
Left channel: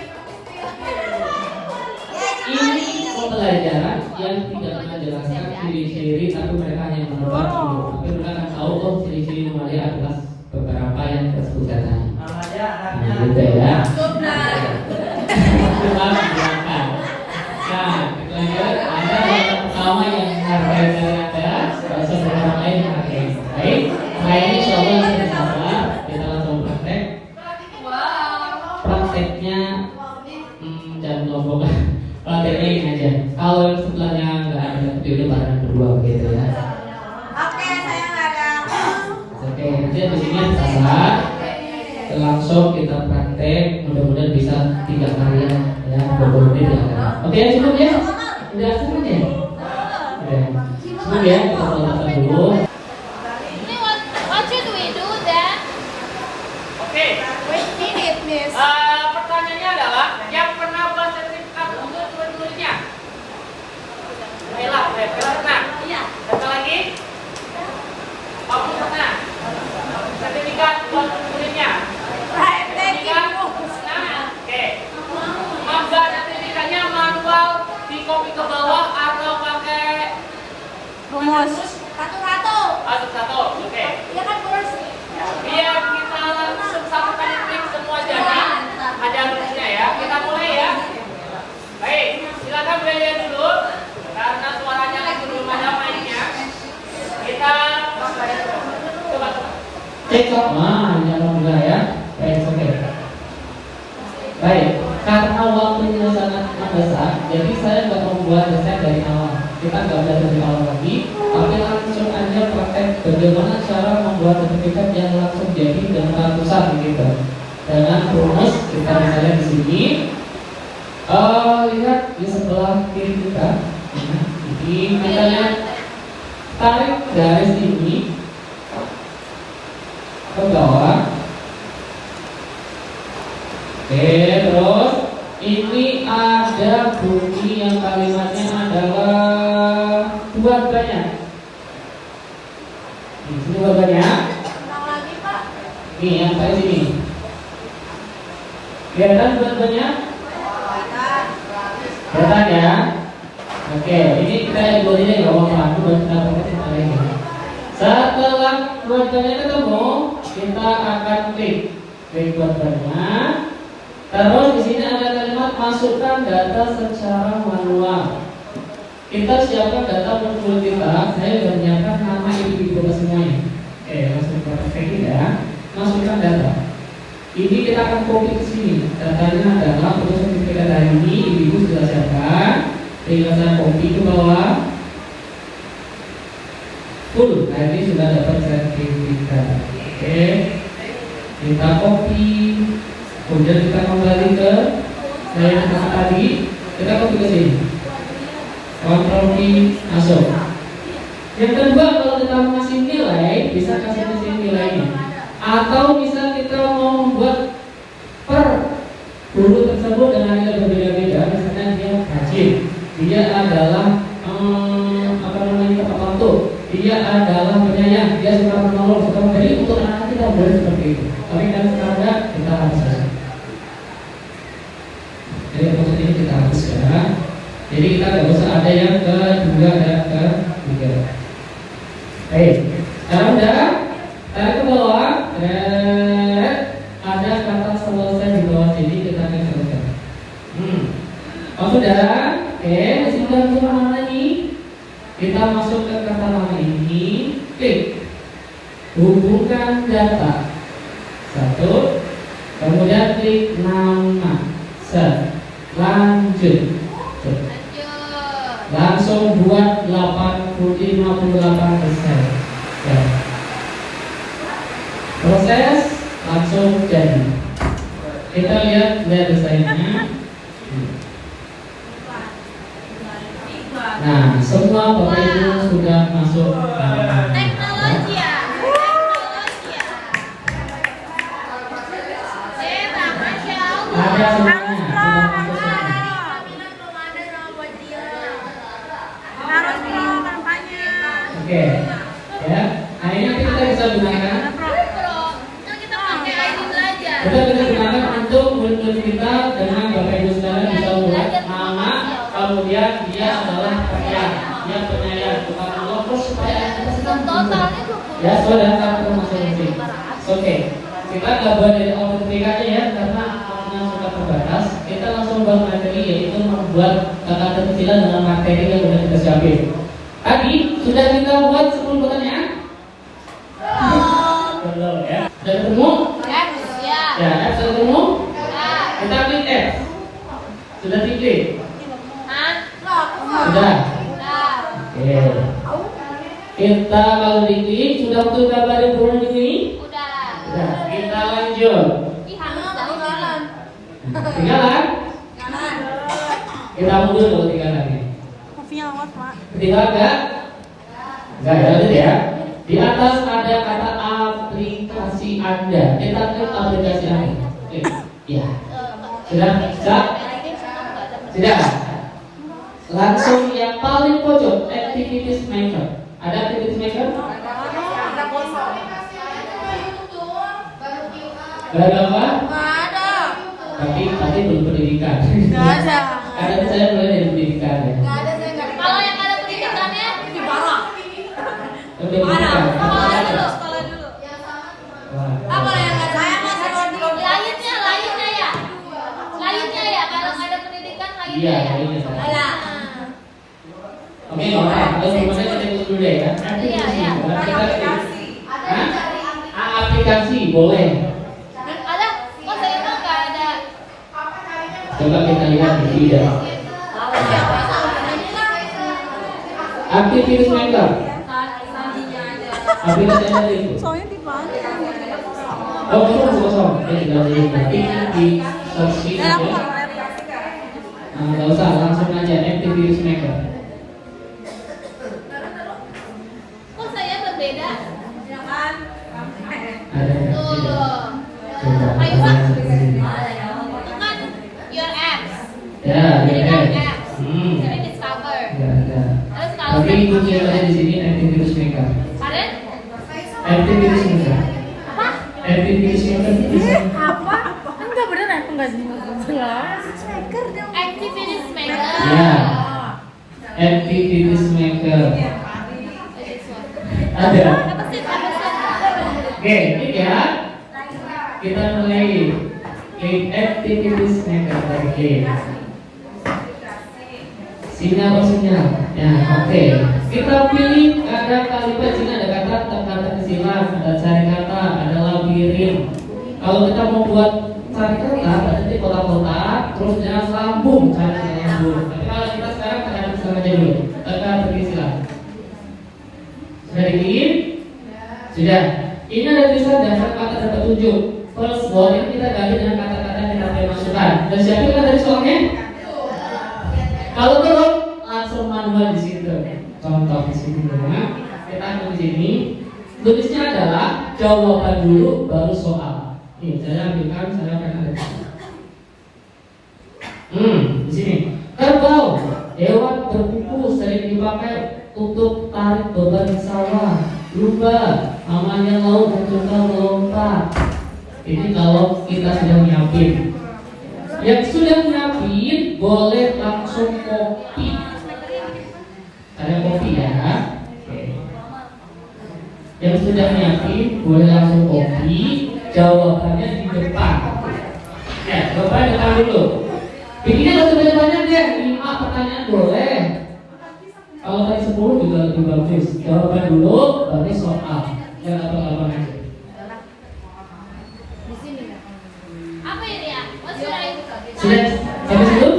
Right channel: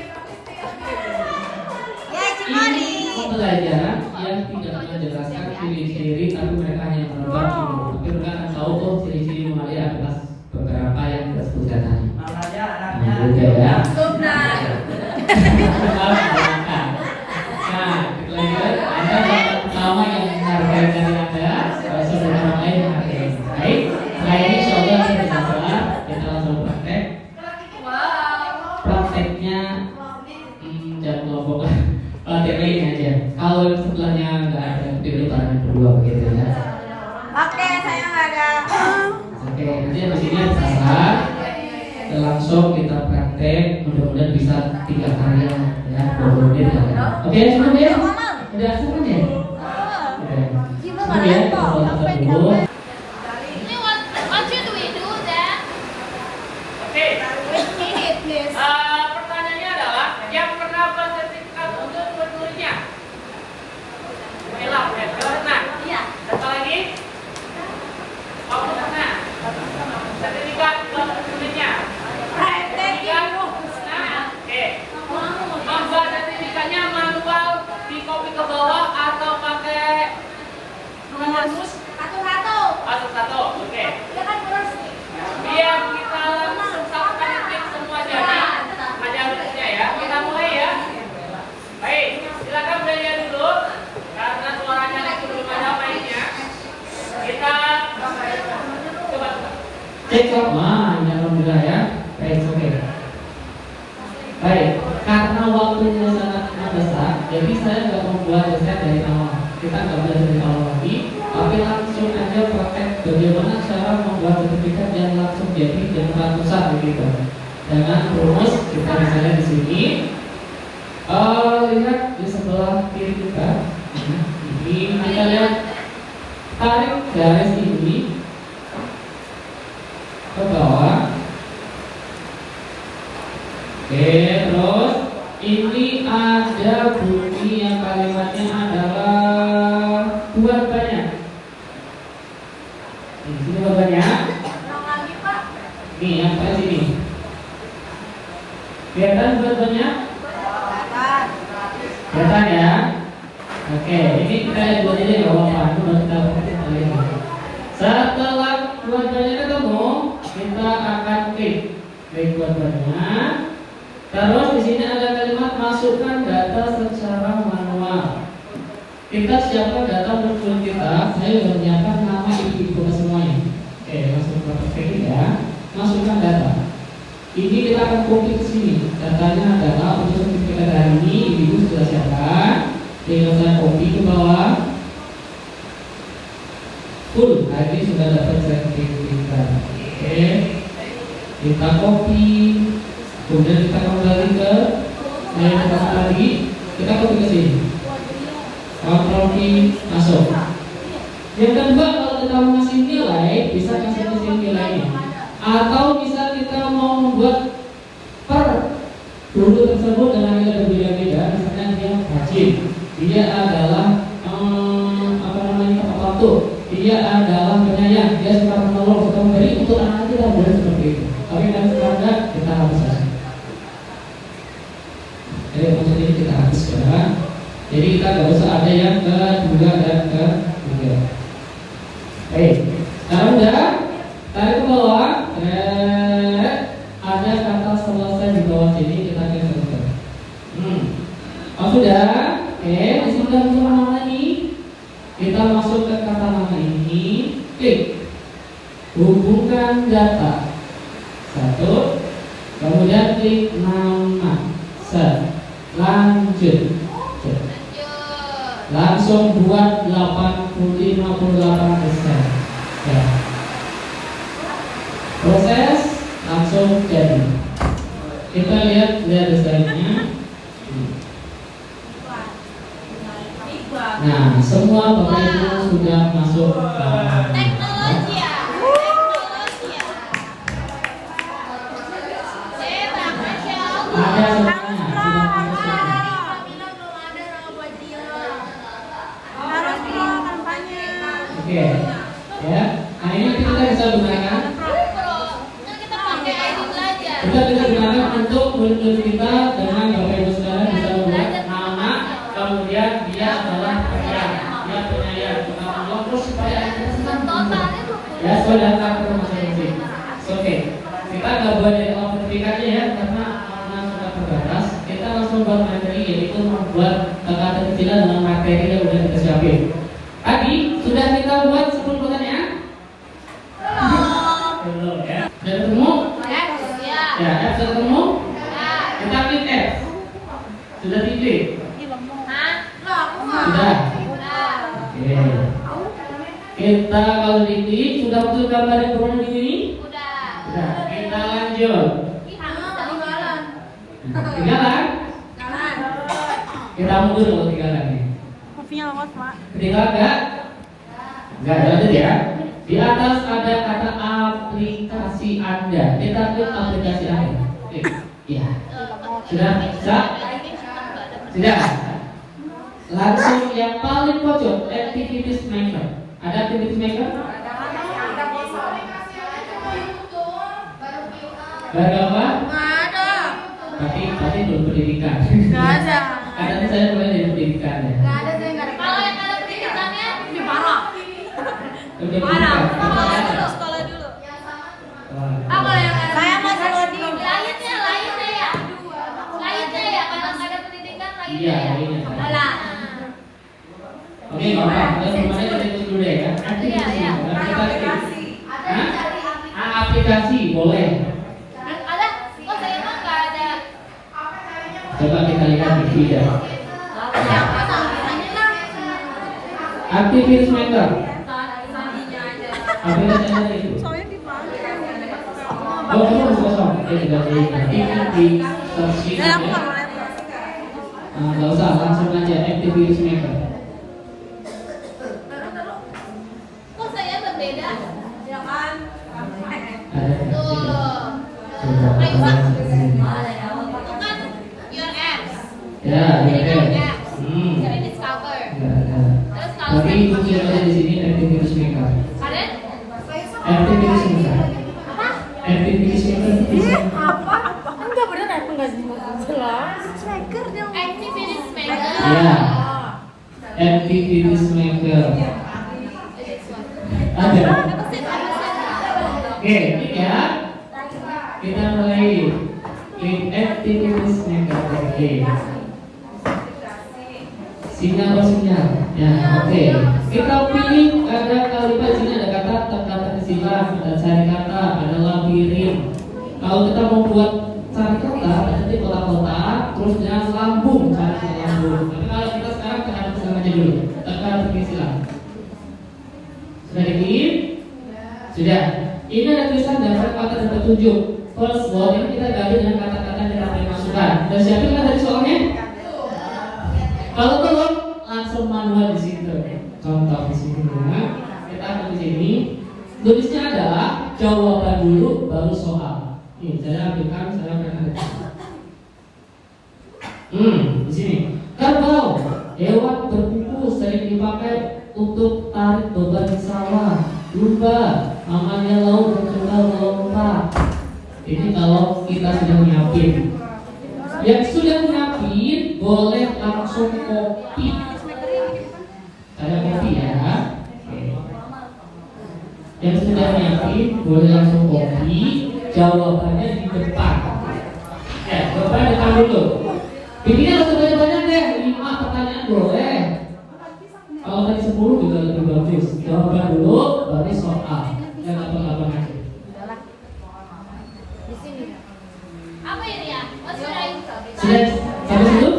pembelajaran yang tidak menjelaskan ciri-ciri, tapi mereka hanya menebak dulu. Tapi mereka akan tahu oh ciri-ciri Mamalia adalah beberapa yang kita sebutkan tadi. Nah, gitu ya. Nah, pelajaran Anda yang pertama yang hargai dari Anda, saudara lain yang hargai. Baik, nah ini coba sama kita langsung praktek. Prakteknya jangan ngomong. Prakteknya ini aja. Kalau yang sebelahnya nggak ada, tapi udah bareng berdua begitu ya. Oke, saya nggak ada. Oke, nanti habis ini sabar. Langsung kita praktek, mudah-mudahan bisa 3 karya ya, 20 menit ya. Oke, cukup ya? Udah cukup ya? Oke. Cukup ya, kita foto dulu. What should we do then? Oke. Minute, miss. Pertanyaannya adalah yang pernah buat sertifikat untuk murid-muridnya. Ella, pernah? Iya. Siapa lagi? Kamu pernah? Sertifikat buat muridnya. Sertifikat? Nah, oke. Membuat sertifikatnya manual di copy ke bawah atau pakai rumus? Satu-satu, oke. Ya kan terus. Biar kita langsung satu klik semua jadi ada rumusnya ya. Kita mulai ya. Baik, silakan belajar dulu karena suaranya lagi belum ada mainnya. Kita coba. Cekcok mah, jangan bilang ya. Oke. Baik, karena waktunya sangat besar, jadi saya nggak membuat desain dari awal. Kita nggak belajar dari awal lagi, tapi langsung aja praktek bagaimana cara membuat sertifikat yang langsung jadi dan ratusan gitu. Dengan rumus kita misalnya di sini, lihat di sebelah kiri kita. Nah, ini kita lihat tarik garis ini ke bawah. Oke, terus ini ada bunyi yang kalimatnya adalah buat banyak. Di sini buat banyak. Nih yang paling sini. Kelihatan buat banyak? Kelihatan ya? Oke, ini kita buat aja ya apa-apa. Buat kita pakai paling. Setelah buat banyak ketemu, kita akan klik buat banyak. Terus di sini ada kalimat masukkan data secara manual. Kita siapkan data muncul kita. Saya sudah menyiapkan nama ibu kita semuanya. Oke, langsung praktek ya. Masukkan data. Ini kita akan copy ke sini. Datanya adalah untuk sertifikat hari ini ibu sudah siapkan. Tinggal saya copy ke bawah. Full. Hari ini sudah dapat sertifikat. Oke. Kita copy. Kemudian kita kembali ke saya yang tadi, kita copy ke sini. Ctrl V masuk. Yang kedua, kalau kita mau ngasih nilai, bisa kasih ke sini nilainya. Atau bisa kita mau membuat per guru tersebut dengan nilai berbeda-beda. Misalnya dia rajin, dia adalah tepat waktu, dia adalah penyayang, dia suka menolong, suka memberi. Untuk anak kita boleh seperti itu. Tapi kan sekarang kita harus kasih. Jadi maksud ini kita hapus ya. Jadi kita nggak usah ada yang kedua dan ketiga. Baik, sekarang udah tarik ke bawah. Ada kata selesai di bawah sini kita akan selesai. Oh sudah, di sini udah untuk nama lagi. Kita masuk ke kata nama ini, klik hubungkan data. Satu, kemudian klik nama. Lanjut. Langsung buat 58%. Ya. Proses langsung jadi. Kita lihat desainnya. Nah, semua Bapak Ibu sudah masuk ke Teknologi ya. ada semuanya sudah masuk semua. Oke, ya. Nah ini nanti kita bisa gunakan. Kita pakai ID belajar. Kita gunakan untuk murid-murid kita dengan Bapak Ibu sekalian bisa membuat nama, kemudian dia adalah perhatian, dia penyayang, bukan Allah terus supaya kita senang. Ya, saudara kata masing-masing. Oke, kita nggak boleh dari otomatikanya ya, karena sudah terbatas. Kita langsung ke materi, yaitu membuat kata kecilan dengan materi yang sudah kita siapin. Tadi sudah kita buat 10 pertanyaan. Belum ya? Sudah ketemu? Ya, F sudah ketemu? Kita klik F. Sudah diklik? Sudah. Oke. Kita kalau diklik sudah betul gambar yang berwarna di sini? Sudah. Kita lanjut. Ketinggalan? Kita mundur kalau ketinggalan ya. Kopinya lewat, Pak. Ketinggalan enggak? Enggak ada ya. Di atas ada kata aplikasi Anda. Kita klik aplikasi Anda. Iya. Sudah? Sudah? Langsung yang paling pojok, activities maker. Ada activities maker? Gak ada apa? Berarti belum pendidikan. Gak ada. Ada saya mulai dari pendidikan ya. Kalau yang ada pendidikannya Udah pendidikan. Lainnya ya, kalau nggak ada pendidikan Iya, ini. Oke, Bapak, semuanya kita ikut dulu ya. Aplikasi, aplikasi boleh. ada, kok saya nggak ada. Coba kita lihat di video. Aktivitas member. Aplikasi Anda itu. Soalnya dipanggil. Oh, kosong. Tinggal di opsi. Dan aku nggak boleh. Nggak usah, langsung aja activities maker. Kok saya berbeda? Ada. Ayo Pak. Itu kan your apps. Ya, Jadi ya. kan apps. Jadi discover. Ya. Terus kalau Tapi kunci ada di sini activities maker. kalian Activities maker. Activities maker bisa. activities maker. Ya. Activities maker. Ada. Apa sih? Oke, ini ya. Kita mulai. Klik activities maker. Oke. Sinyal atau sinyal. Ya, oke. Kita pilih ada kalimat sini ada kata kecilan, ada cari kata, ada labirin. Kalau kita mau buat cari kata, nanti kotak-kotak, terus jangan lambung, cari lambung. Tapi kalau kita sekarang tekan silang aja dulu. Tekan kecilan. Sudah diklik? Sudah. Ini ada tulisan daftar kata dan petunjuk. First one ini kita gali dengan kata-kata yang kita boleh masukkan. Dan siapin kan dari soalnya? Kalau belum, langsung manual di situ. Contoh di sini ya. Kita akan di sini. Tulisnya adalah jawaban dulu baru soal. Nih, saya ambilkan, saya akan ada. Di sini. Kerbau, hewan berkuku sering dipakai untuk tarik beban sawah. Lumba, namanya laut dan juga melompat. Ini kalau kita sudah nyiapin. Yang sudah nyiapin boleh langsung copy. Ada copy ya. Oke. Yang sudah nyiapin boleh langsung copy. Jawabannya di depan. Depan depan dulu. Bikinnya gak usah banyak-banyak deh. 5 pertanyaan boleh. Kalau tadi 10 juga lebih bagus. Jawaban dulu baru soal. Yang abang-abang aja. Apa ini ya? Sudah Sudah sampai situ?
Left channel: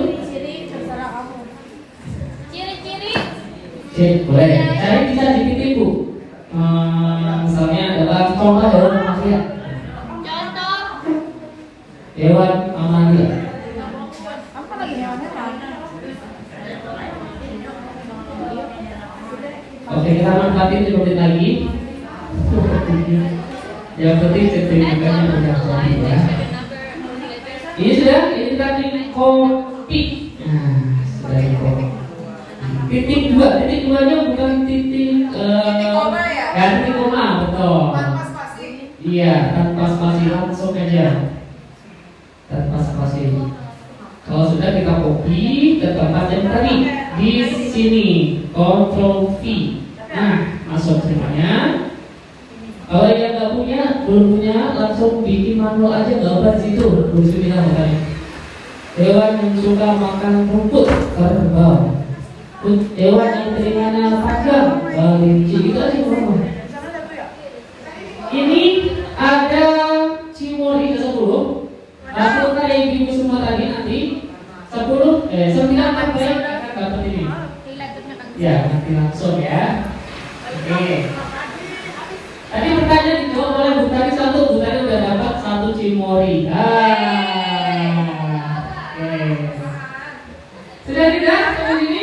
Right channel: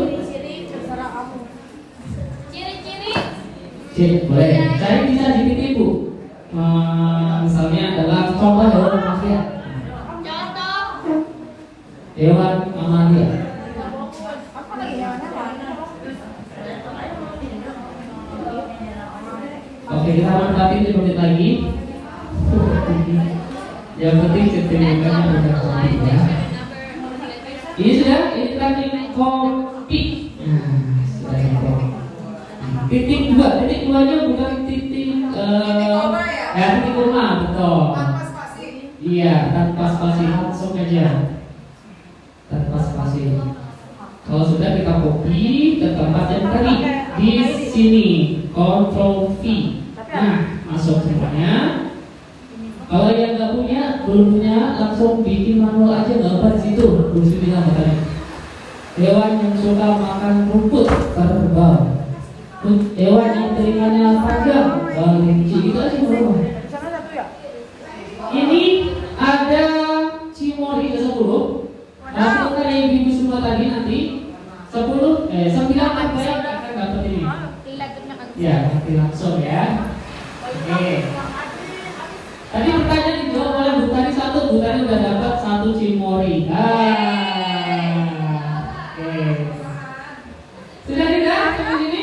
ciri-ciri. Cek, boleh. Saya bisa dititik Bu. Misalnya adalah contoh hewan mamalia. Contoh. Hewan mamalia. Oke, kita manfaatin 5 menit lagi. Yang penting sertifikatnya udah copy ya. Ini sudah, ini kita klik copy. Nah, sudah di copy. Titik 2, titik 2-nya bukan titik ya titik koma, betul. Iya, tanpa spasi langsung aja. lagi ke tempat yang tadi di sini, Ctrl V. Nah, masuk semuanya. Kalau yang nggak punya, belum punya, langsung bikin manual aja, nggak apa di situ. Tulis bilang tadi. Hewan yang suka makan rumput kerbau. Hewan yang telinganya panjang, kelinci. Itu aja semua. Ini ada cimori ke 10. Hasil dari ibu semua tadi nanti 9 baik akan dapat ini. Ya, nanti langsung ya. Oke. Tadi pertanyaan dijawab oleh Bu Tani 1, Bu Tani udah dapat 1 cimori. Oke. Sudah tidak sampai sini?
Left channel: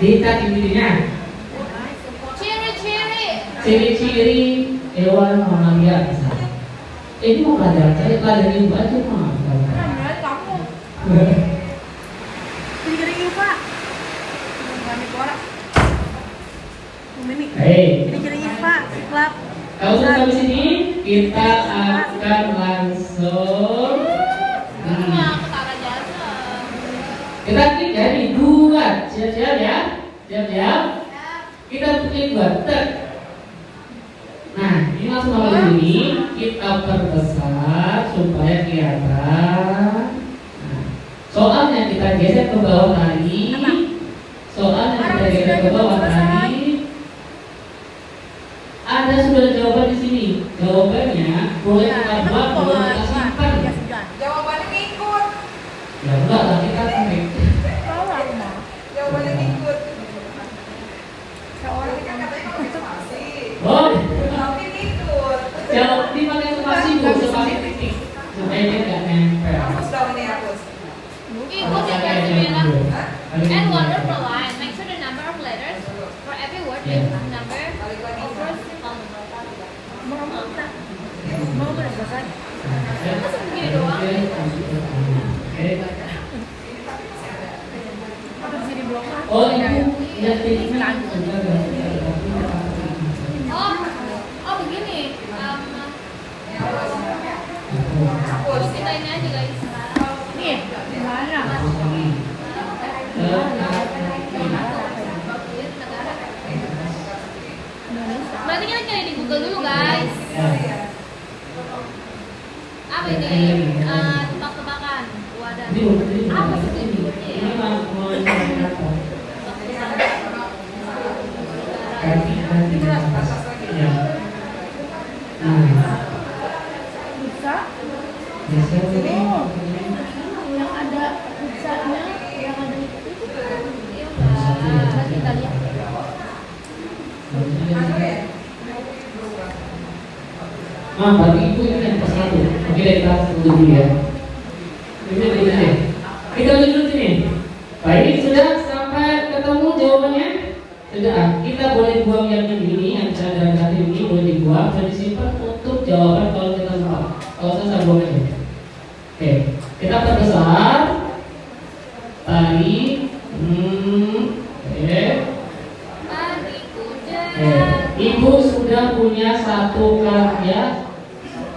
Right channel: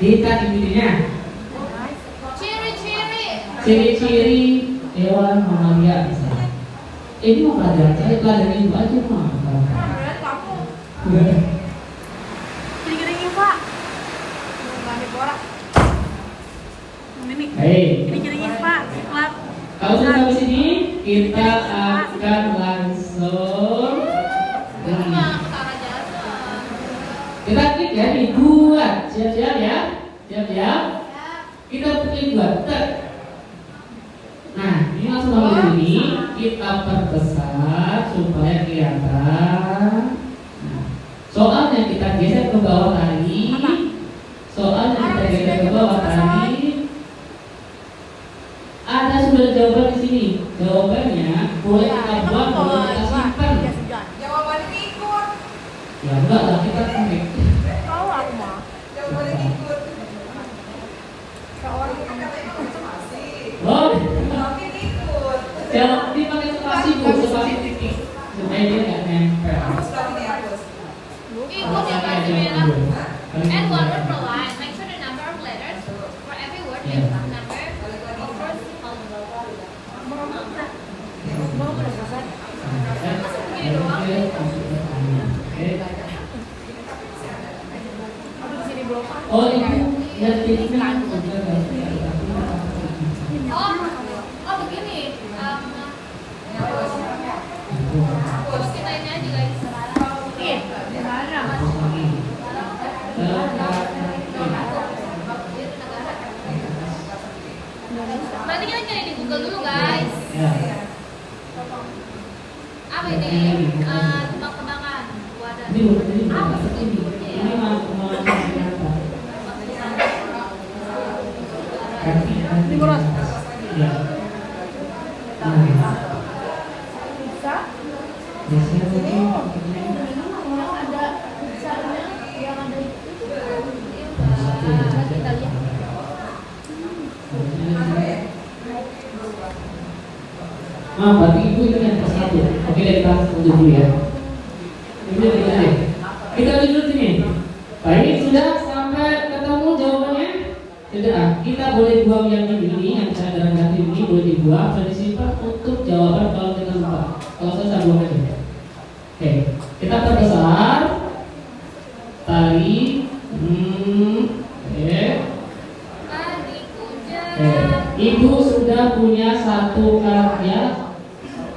Kita intinya ciri-ciri hewan mamalia misalnya. Ini mau pelajaran saya pelajaran ibu aja mah. Kalau sudah sampai sini kita akan langsung kita klik ya di buat, siap-siap ya, siap-siap. Kita klik buat, nah ini langsung sama ini kita perbesar supaya kelihatan. Nah, soalnya kita geser ke bawah tadi, ada sudah jawaban di sini. Jawabannya boleh kita buat, boleh kita simpan. Jawabannya ikut. Ya enggak lah, kita klik. Jawabannya ikut. Oh, Tapi ikut. jawab di pakai spasi bu, spasi titik supaya dia nggak nempel. Hapus dong nih, hapus. Equals you have to be enough. And one word per line. Make sure the number of letters for every word is number. Oh itu yang titiknya Oh begini. Terus kita ini aja guys. Berarti kita cari di Google dulu guys. Apa ini? Tebak-tebakan. Wadah. Apa sih? ini mau berarti ibu ini yang ke 1. Oke, kita tunggu dulu ya. Kita lihat dulu sini. Baik, sudah sampai ketemu jawabannya. Sudah, kita boleh buang yang ini, yang cadangan hati ini boleh dibuang dan disimpan untuk jawaban kalau kita lupa. Kalau saya buang aja. Oke, kita perbesar. Tari. Oke. Ibu sudah punya 1 karya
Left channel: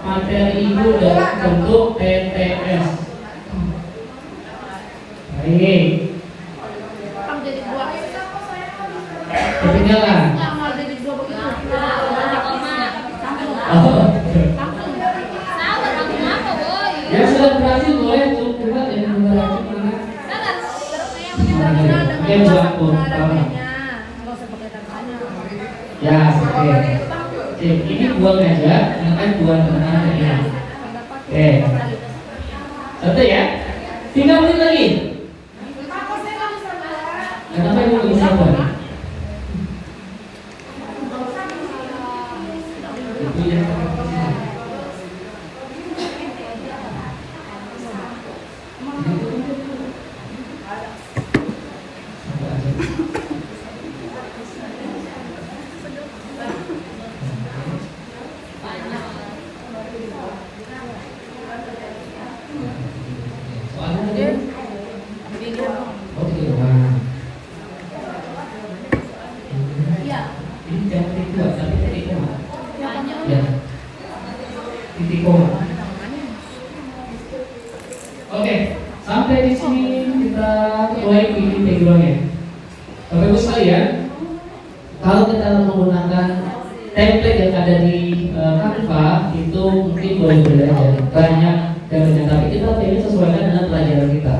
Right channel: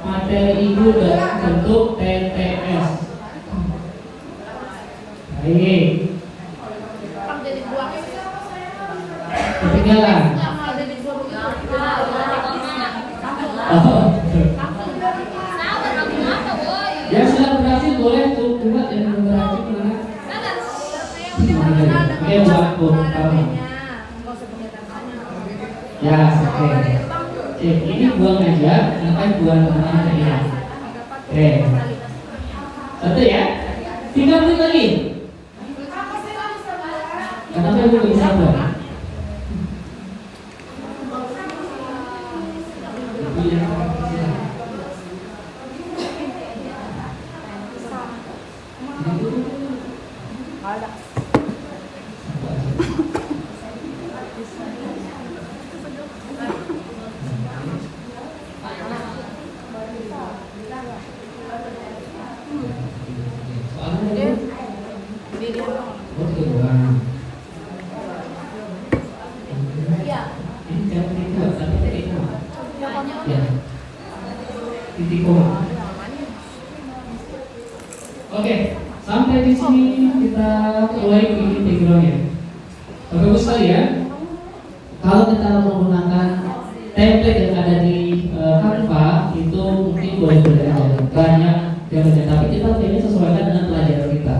materi ibu dalam bentuk TTS. Baik. Ketinggalan. Oh. Yang sudah berhasil boleh coba yang berhasil mana? Oke, buat pun. Ya, oke. Ini buang aja, akan buang tengah-tengah. Oke. 1 ya. 3 menit lagi. Kenapa ibu lebih sabar? videonya. Bapak Ibu sekalian, kalau kita menggunakan template yang ada di Canva itu mungkin boleh-boleh aja, banyak template, tapi kita pilih sesuaikan dengan pelajaran kita.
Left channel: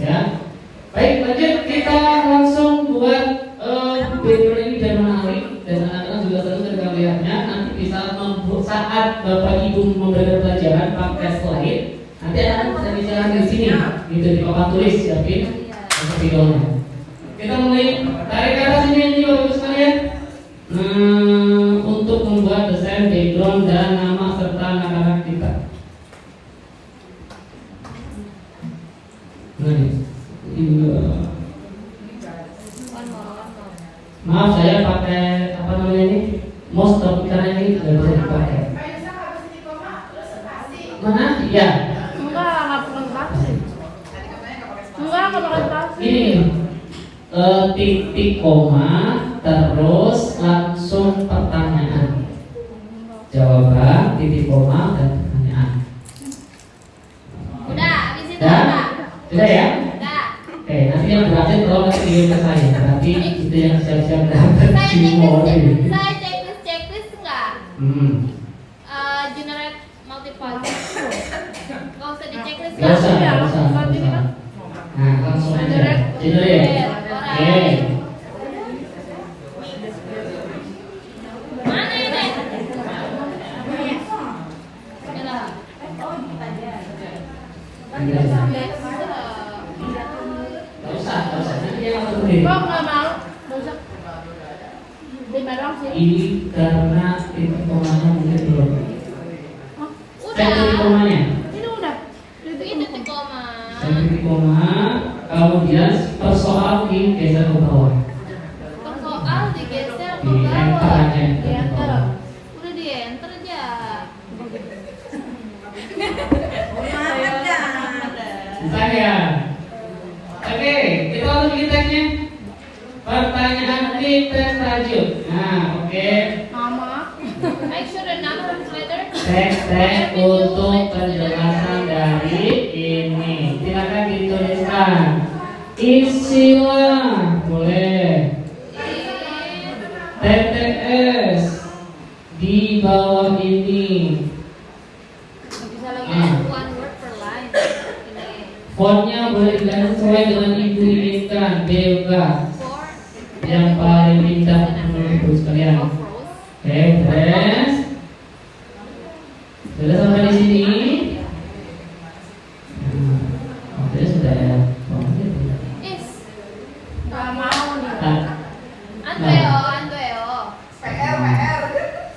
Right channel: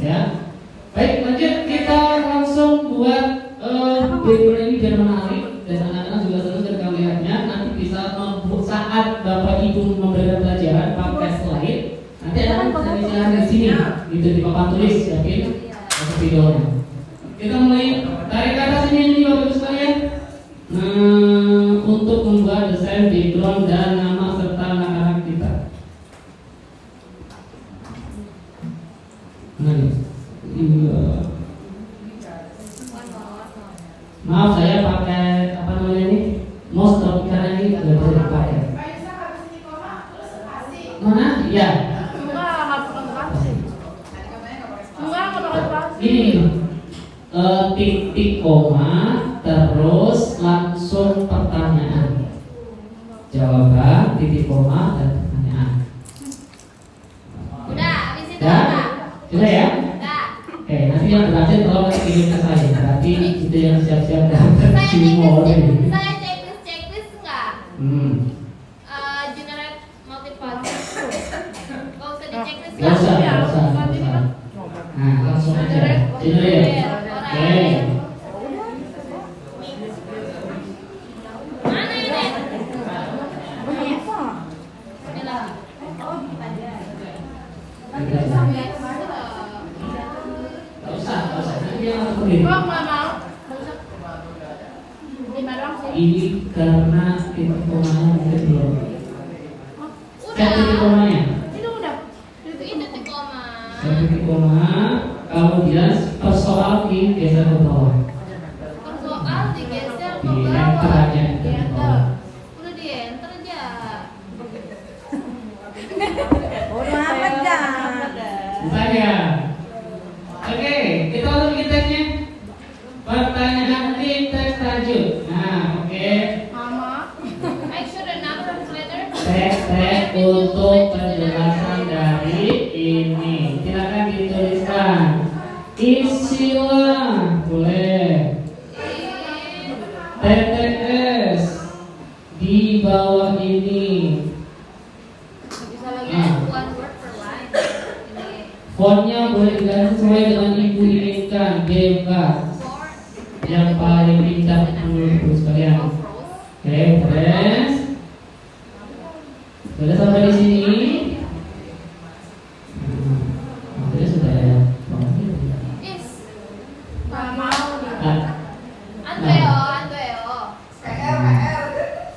Ya, baik, lanjut kita langsung buat paper ini biar menarik dan anak-anak juga tentu ketika melihatnya nanti bisa saat Bapak Ibu memberikan pelajaran pakai slide, nanti anak-anak bisa bicara di sini, gitu di papan tulis, siapin videonya. Kita mulai tarik ke atas ini Bapak Ibu sekalian. Untuk membuat desain background dan nama serta anak-anak kita. Maaf saya pakai apa namanya ini mouse tapi karena ini tidak bisa dipakai. Mana? Iya. Ini titik koma terus langsung pertanyaan. Jawaban titik koma dan pertanyaan. Udah, habis itu Udah? udah. Sudah ya? Udah. Oke, nanti yang berhasil tolong kirim ke saya. Berarti itu yang siap-siap dapat Saya cimol ini. checklist enggak? Generate multiple. Gak usah di checklist. Gak usah, gak usah. Nah, langsung aja. Generate. Oke. Mana ini? Gak usah. Nanti dia langsung sendiri. Ini karena titik komanya mungkin belum. Cek titik komanya. Ini titik koma. Cek titik koma. Kemudian persoal digeser ke bawah. Persoal digeser ke Di enter bawah. aja ke bawah. Udah di enter aja. Bisa ya? Oke, kita langsung bikin teksnya. Pertanyaan di teks lanjut. Nah, oke. Make sure the number of letters. Teks untuk penjelasan dari ini. Silakan dituliskan. Istilah boleh. TTS di bawah ini. Bisa pakai one word per line. Fontnya boleh dilihat sesuai dengan ibu inginkan, bebas. Four. Yang paling indah menurut sekalian. Oke, press. Sudah sampai di sini. Oke, sudah ya. Is. Nah, Andreo.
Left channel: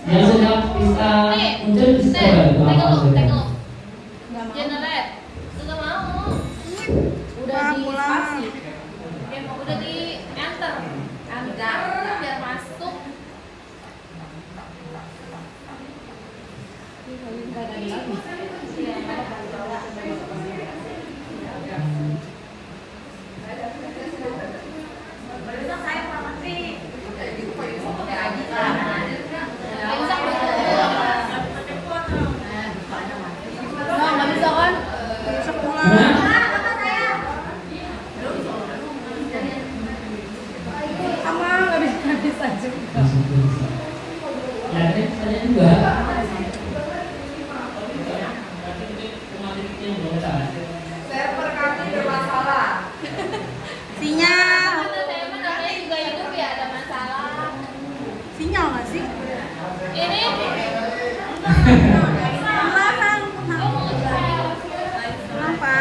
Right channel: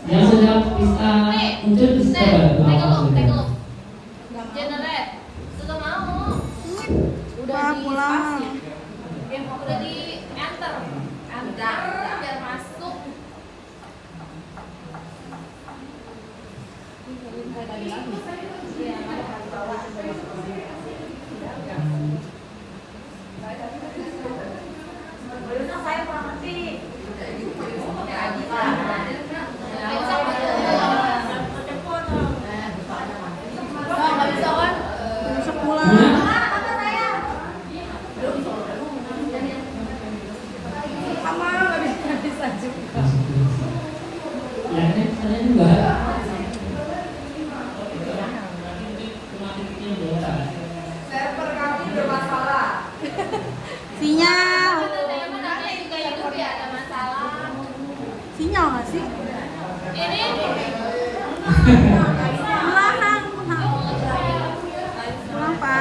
yang sudah bisa muncul bisa Take apa a look. sudah? Generate. Sudah mau. Udah di spasi. Udah di enter. Enter biar masuk. Ya, saya juga. Server kami bermasalah. Sinyal. Kata saya mah namanya juga YouTube ya ada masalah. Sinyal nggak sih? Ini Kenapa?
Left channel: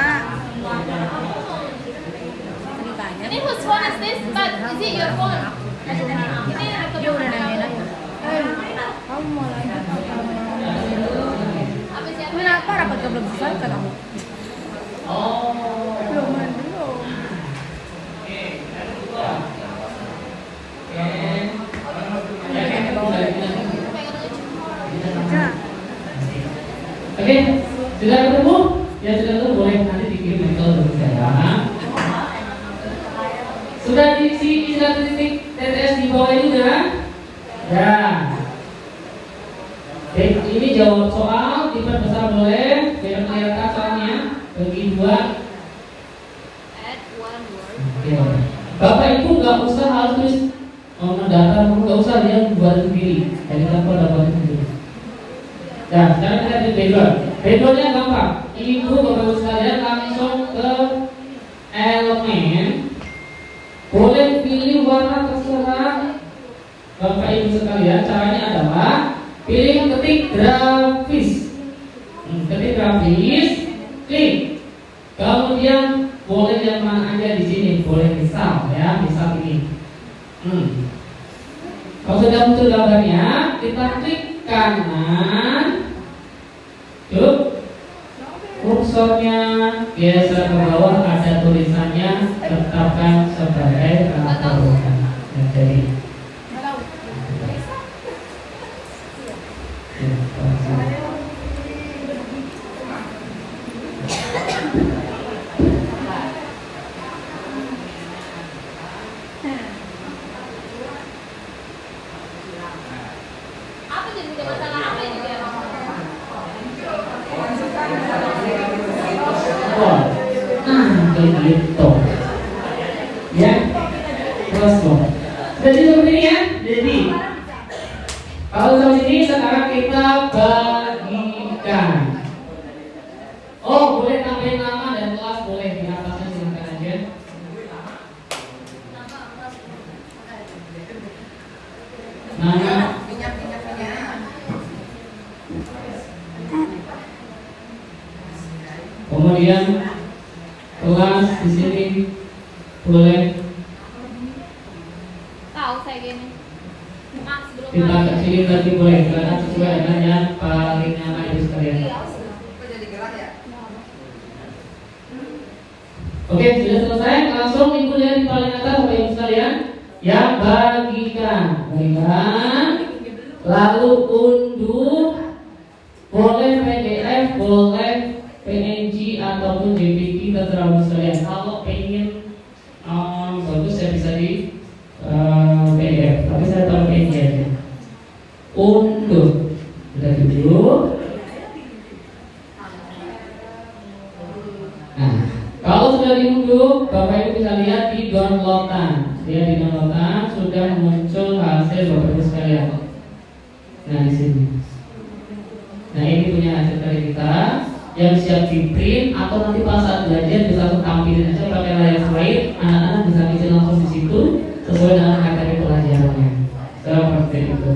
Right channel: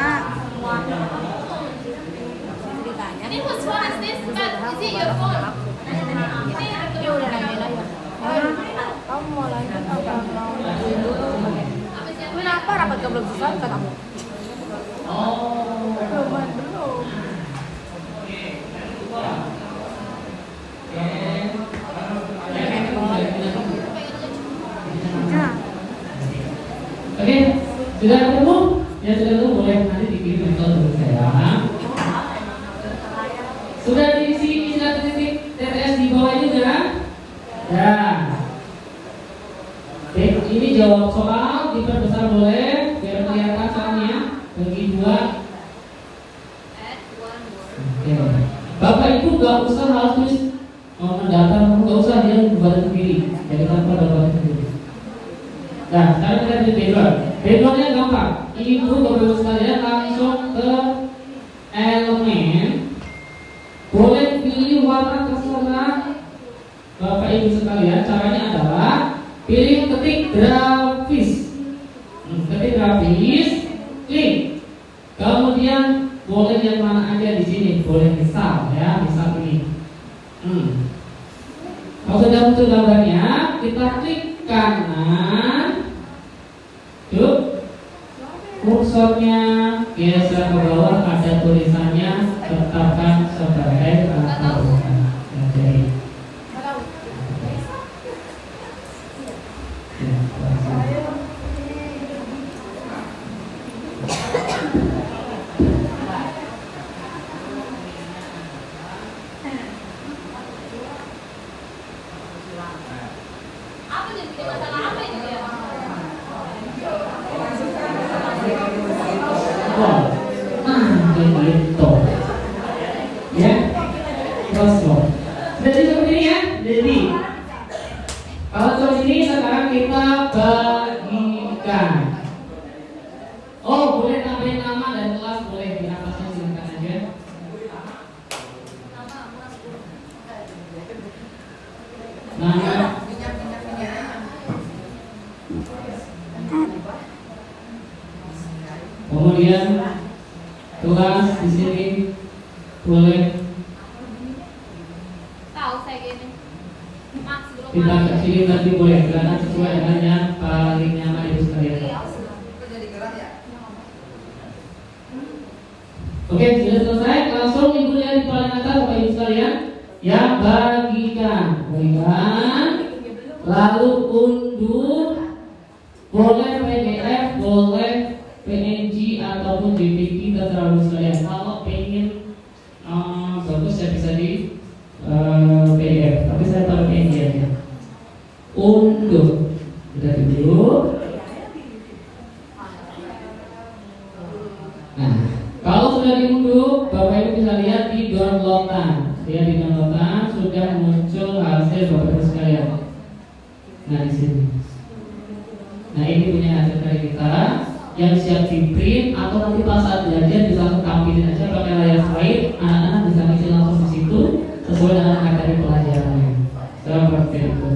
Ini whose phone is this? But is it your phone? Ini laptop yang mana? Apa siapa? Kenapa rapat yang belum selesai? Oke, sudah ketemu? Ya sudah ketemu, boleh nanti dikirim ke saya. Sudah diisi sudah titik TTS di bawah ini sudah? Ya. Oke, ini jawab soal diperbesar boleh, biar kelihatan soalnya bagi dua. Add one word. Oke. Bapak Ibu nggak usah harus mendata, nggak usah dia buat sendiri. Jadi tanpa dapat sendiri. Nah, sekarang kita di backgroundnya gampang. Ibu Bapak Ibu sekalian langsung ke elemen. Boleh pilih warna terserah Bapak Ibu sekalian. Caranya adalah pilih ketik grafis. Ketik grafis, klik. Kemudian boleh yang mana aja di sini, boleh misal ya, misal ini. Kalau sudah muncul gambarnya, kita klik kanan. Yuk, kursornya geser ke bawah, ada tulisannya tetapkan sebagai atau jadi. Apa jadi masalah apa ini ya? Gitu. Ya, terus loh. Jadi seperti ini ya. Jadi kalau seperti ini sekarang kita bagikan. Oh, boleh tambahin nama dan kelas, boleh di atasnya silakan aja. Nama. Kemudian kelas di sini boleh Tahu saya gini. Max belum kita ke sini tapi boleh karena sesuai dengan yang paling nyaman itu sekalian. Jadi gerak ya. Oke, sudah selesai. Langsung ibu lihat di paling atas Bapak Ibu sekalian. Yang bagikan, lalu unduh. Boleh PDF, boleh PNG ataupun JPG terserah sekalian. Kalau pengen bagus ya bisa di PDF, tapi saya taruh PNG aja. Unduh, dari dulu. Nah, kalau sudah diunduh, Bapak Ibu bisa lihat di downloadan. Dia di downloadan sudah muncul hasil Bapak Ibu sekalian. Nah di sini. Nah ini punya hasil dari kita yang siap di print atau nanti pas saat belajar bisa langsung tampilin aja pakai layar slide. Anak-anak bisa ngisi langsung di situ sesuai dengan materi pelajarannya. Seperti itu.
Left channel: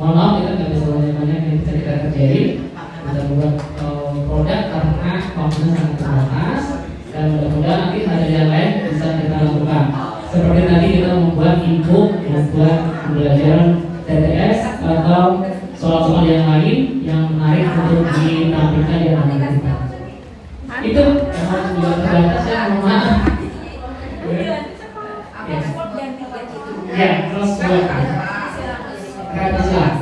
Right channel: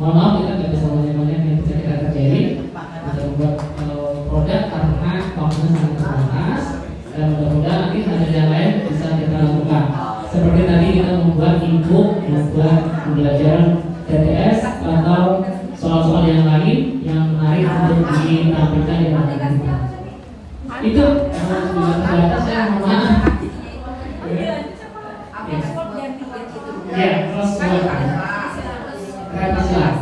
Mohon maaf kita nggak bisa banyak-banyak yang bisa kita kerjain. Bisa membuat produk karena waktunya sangat terbatas. Dan mudah-mudahan nanti hasil yang lain bisa kita lakukan. Seperti tadi kita membuat e-book, membuat pembelajaran TTS atau soal-soal yang lain yang menarik untuk ditampilkan di anak-anak kita. Itu sudah terbatas ya, mohon maaf. Ya, terus gratis lah.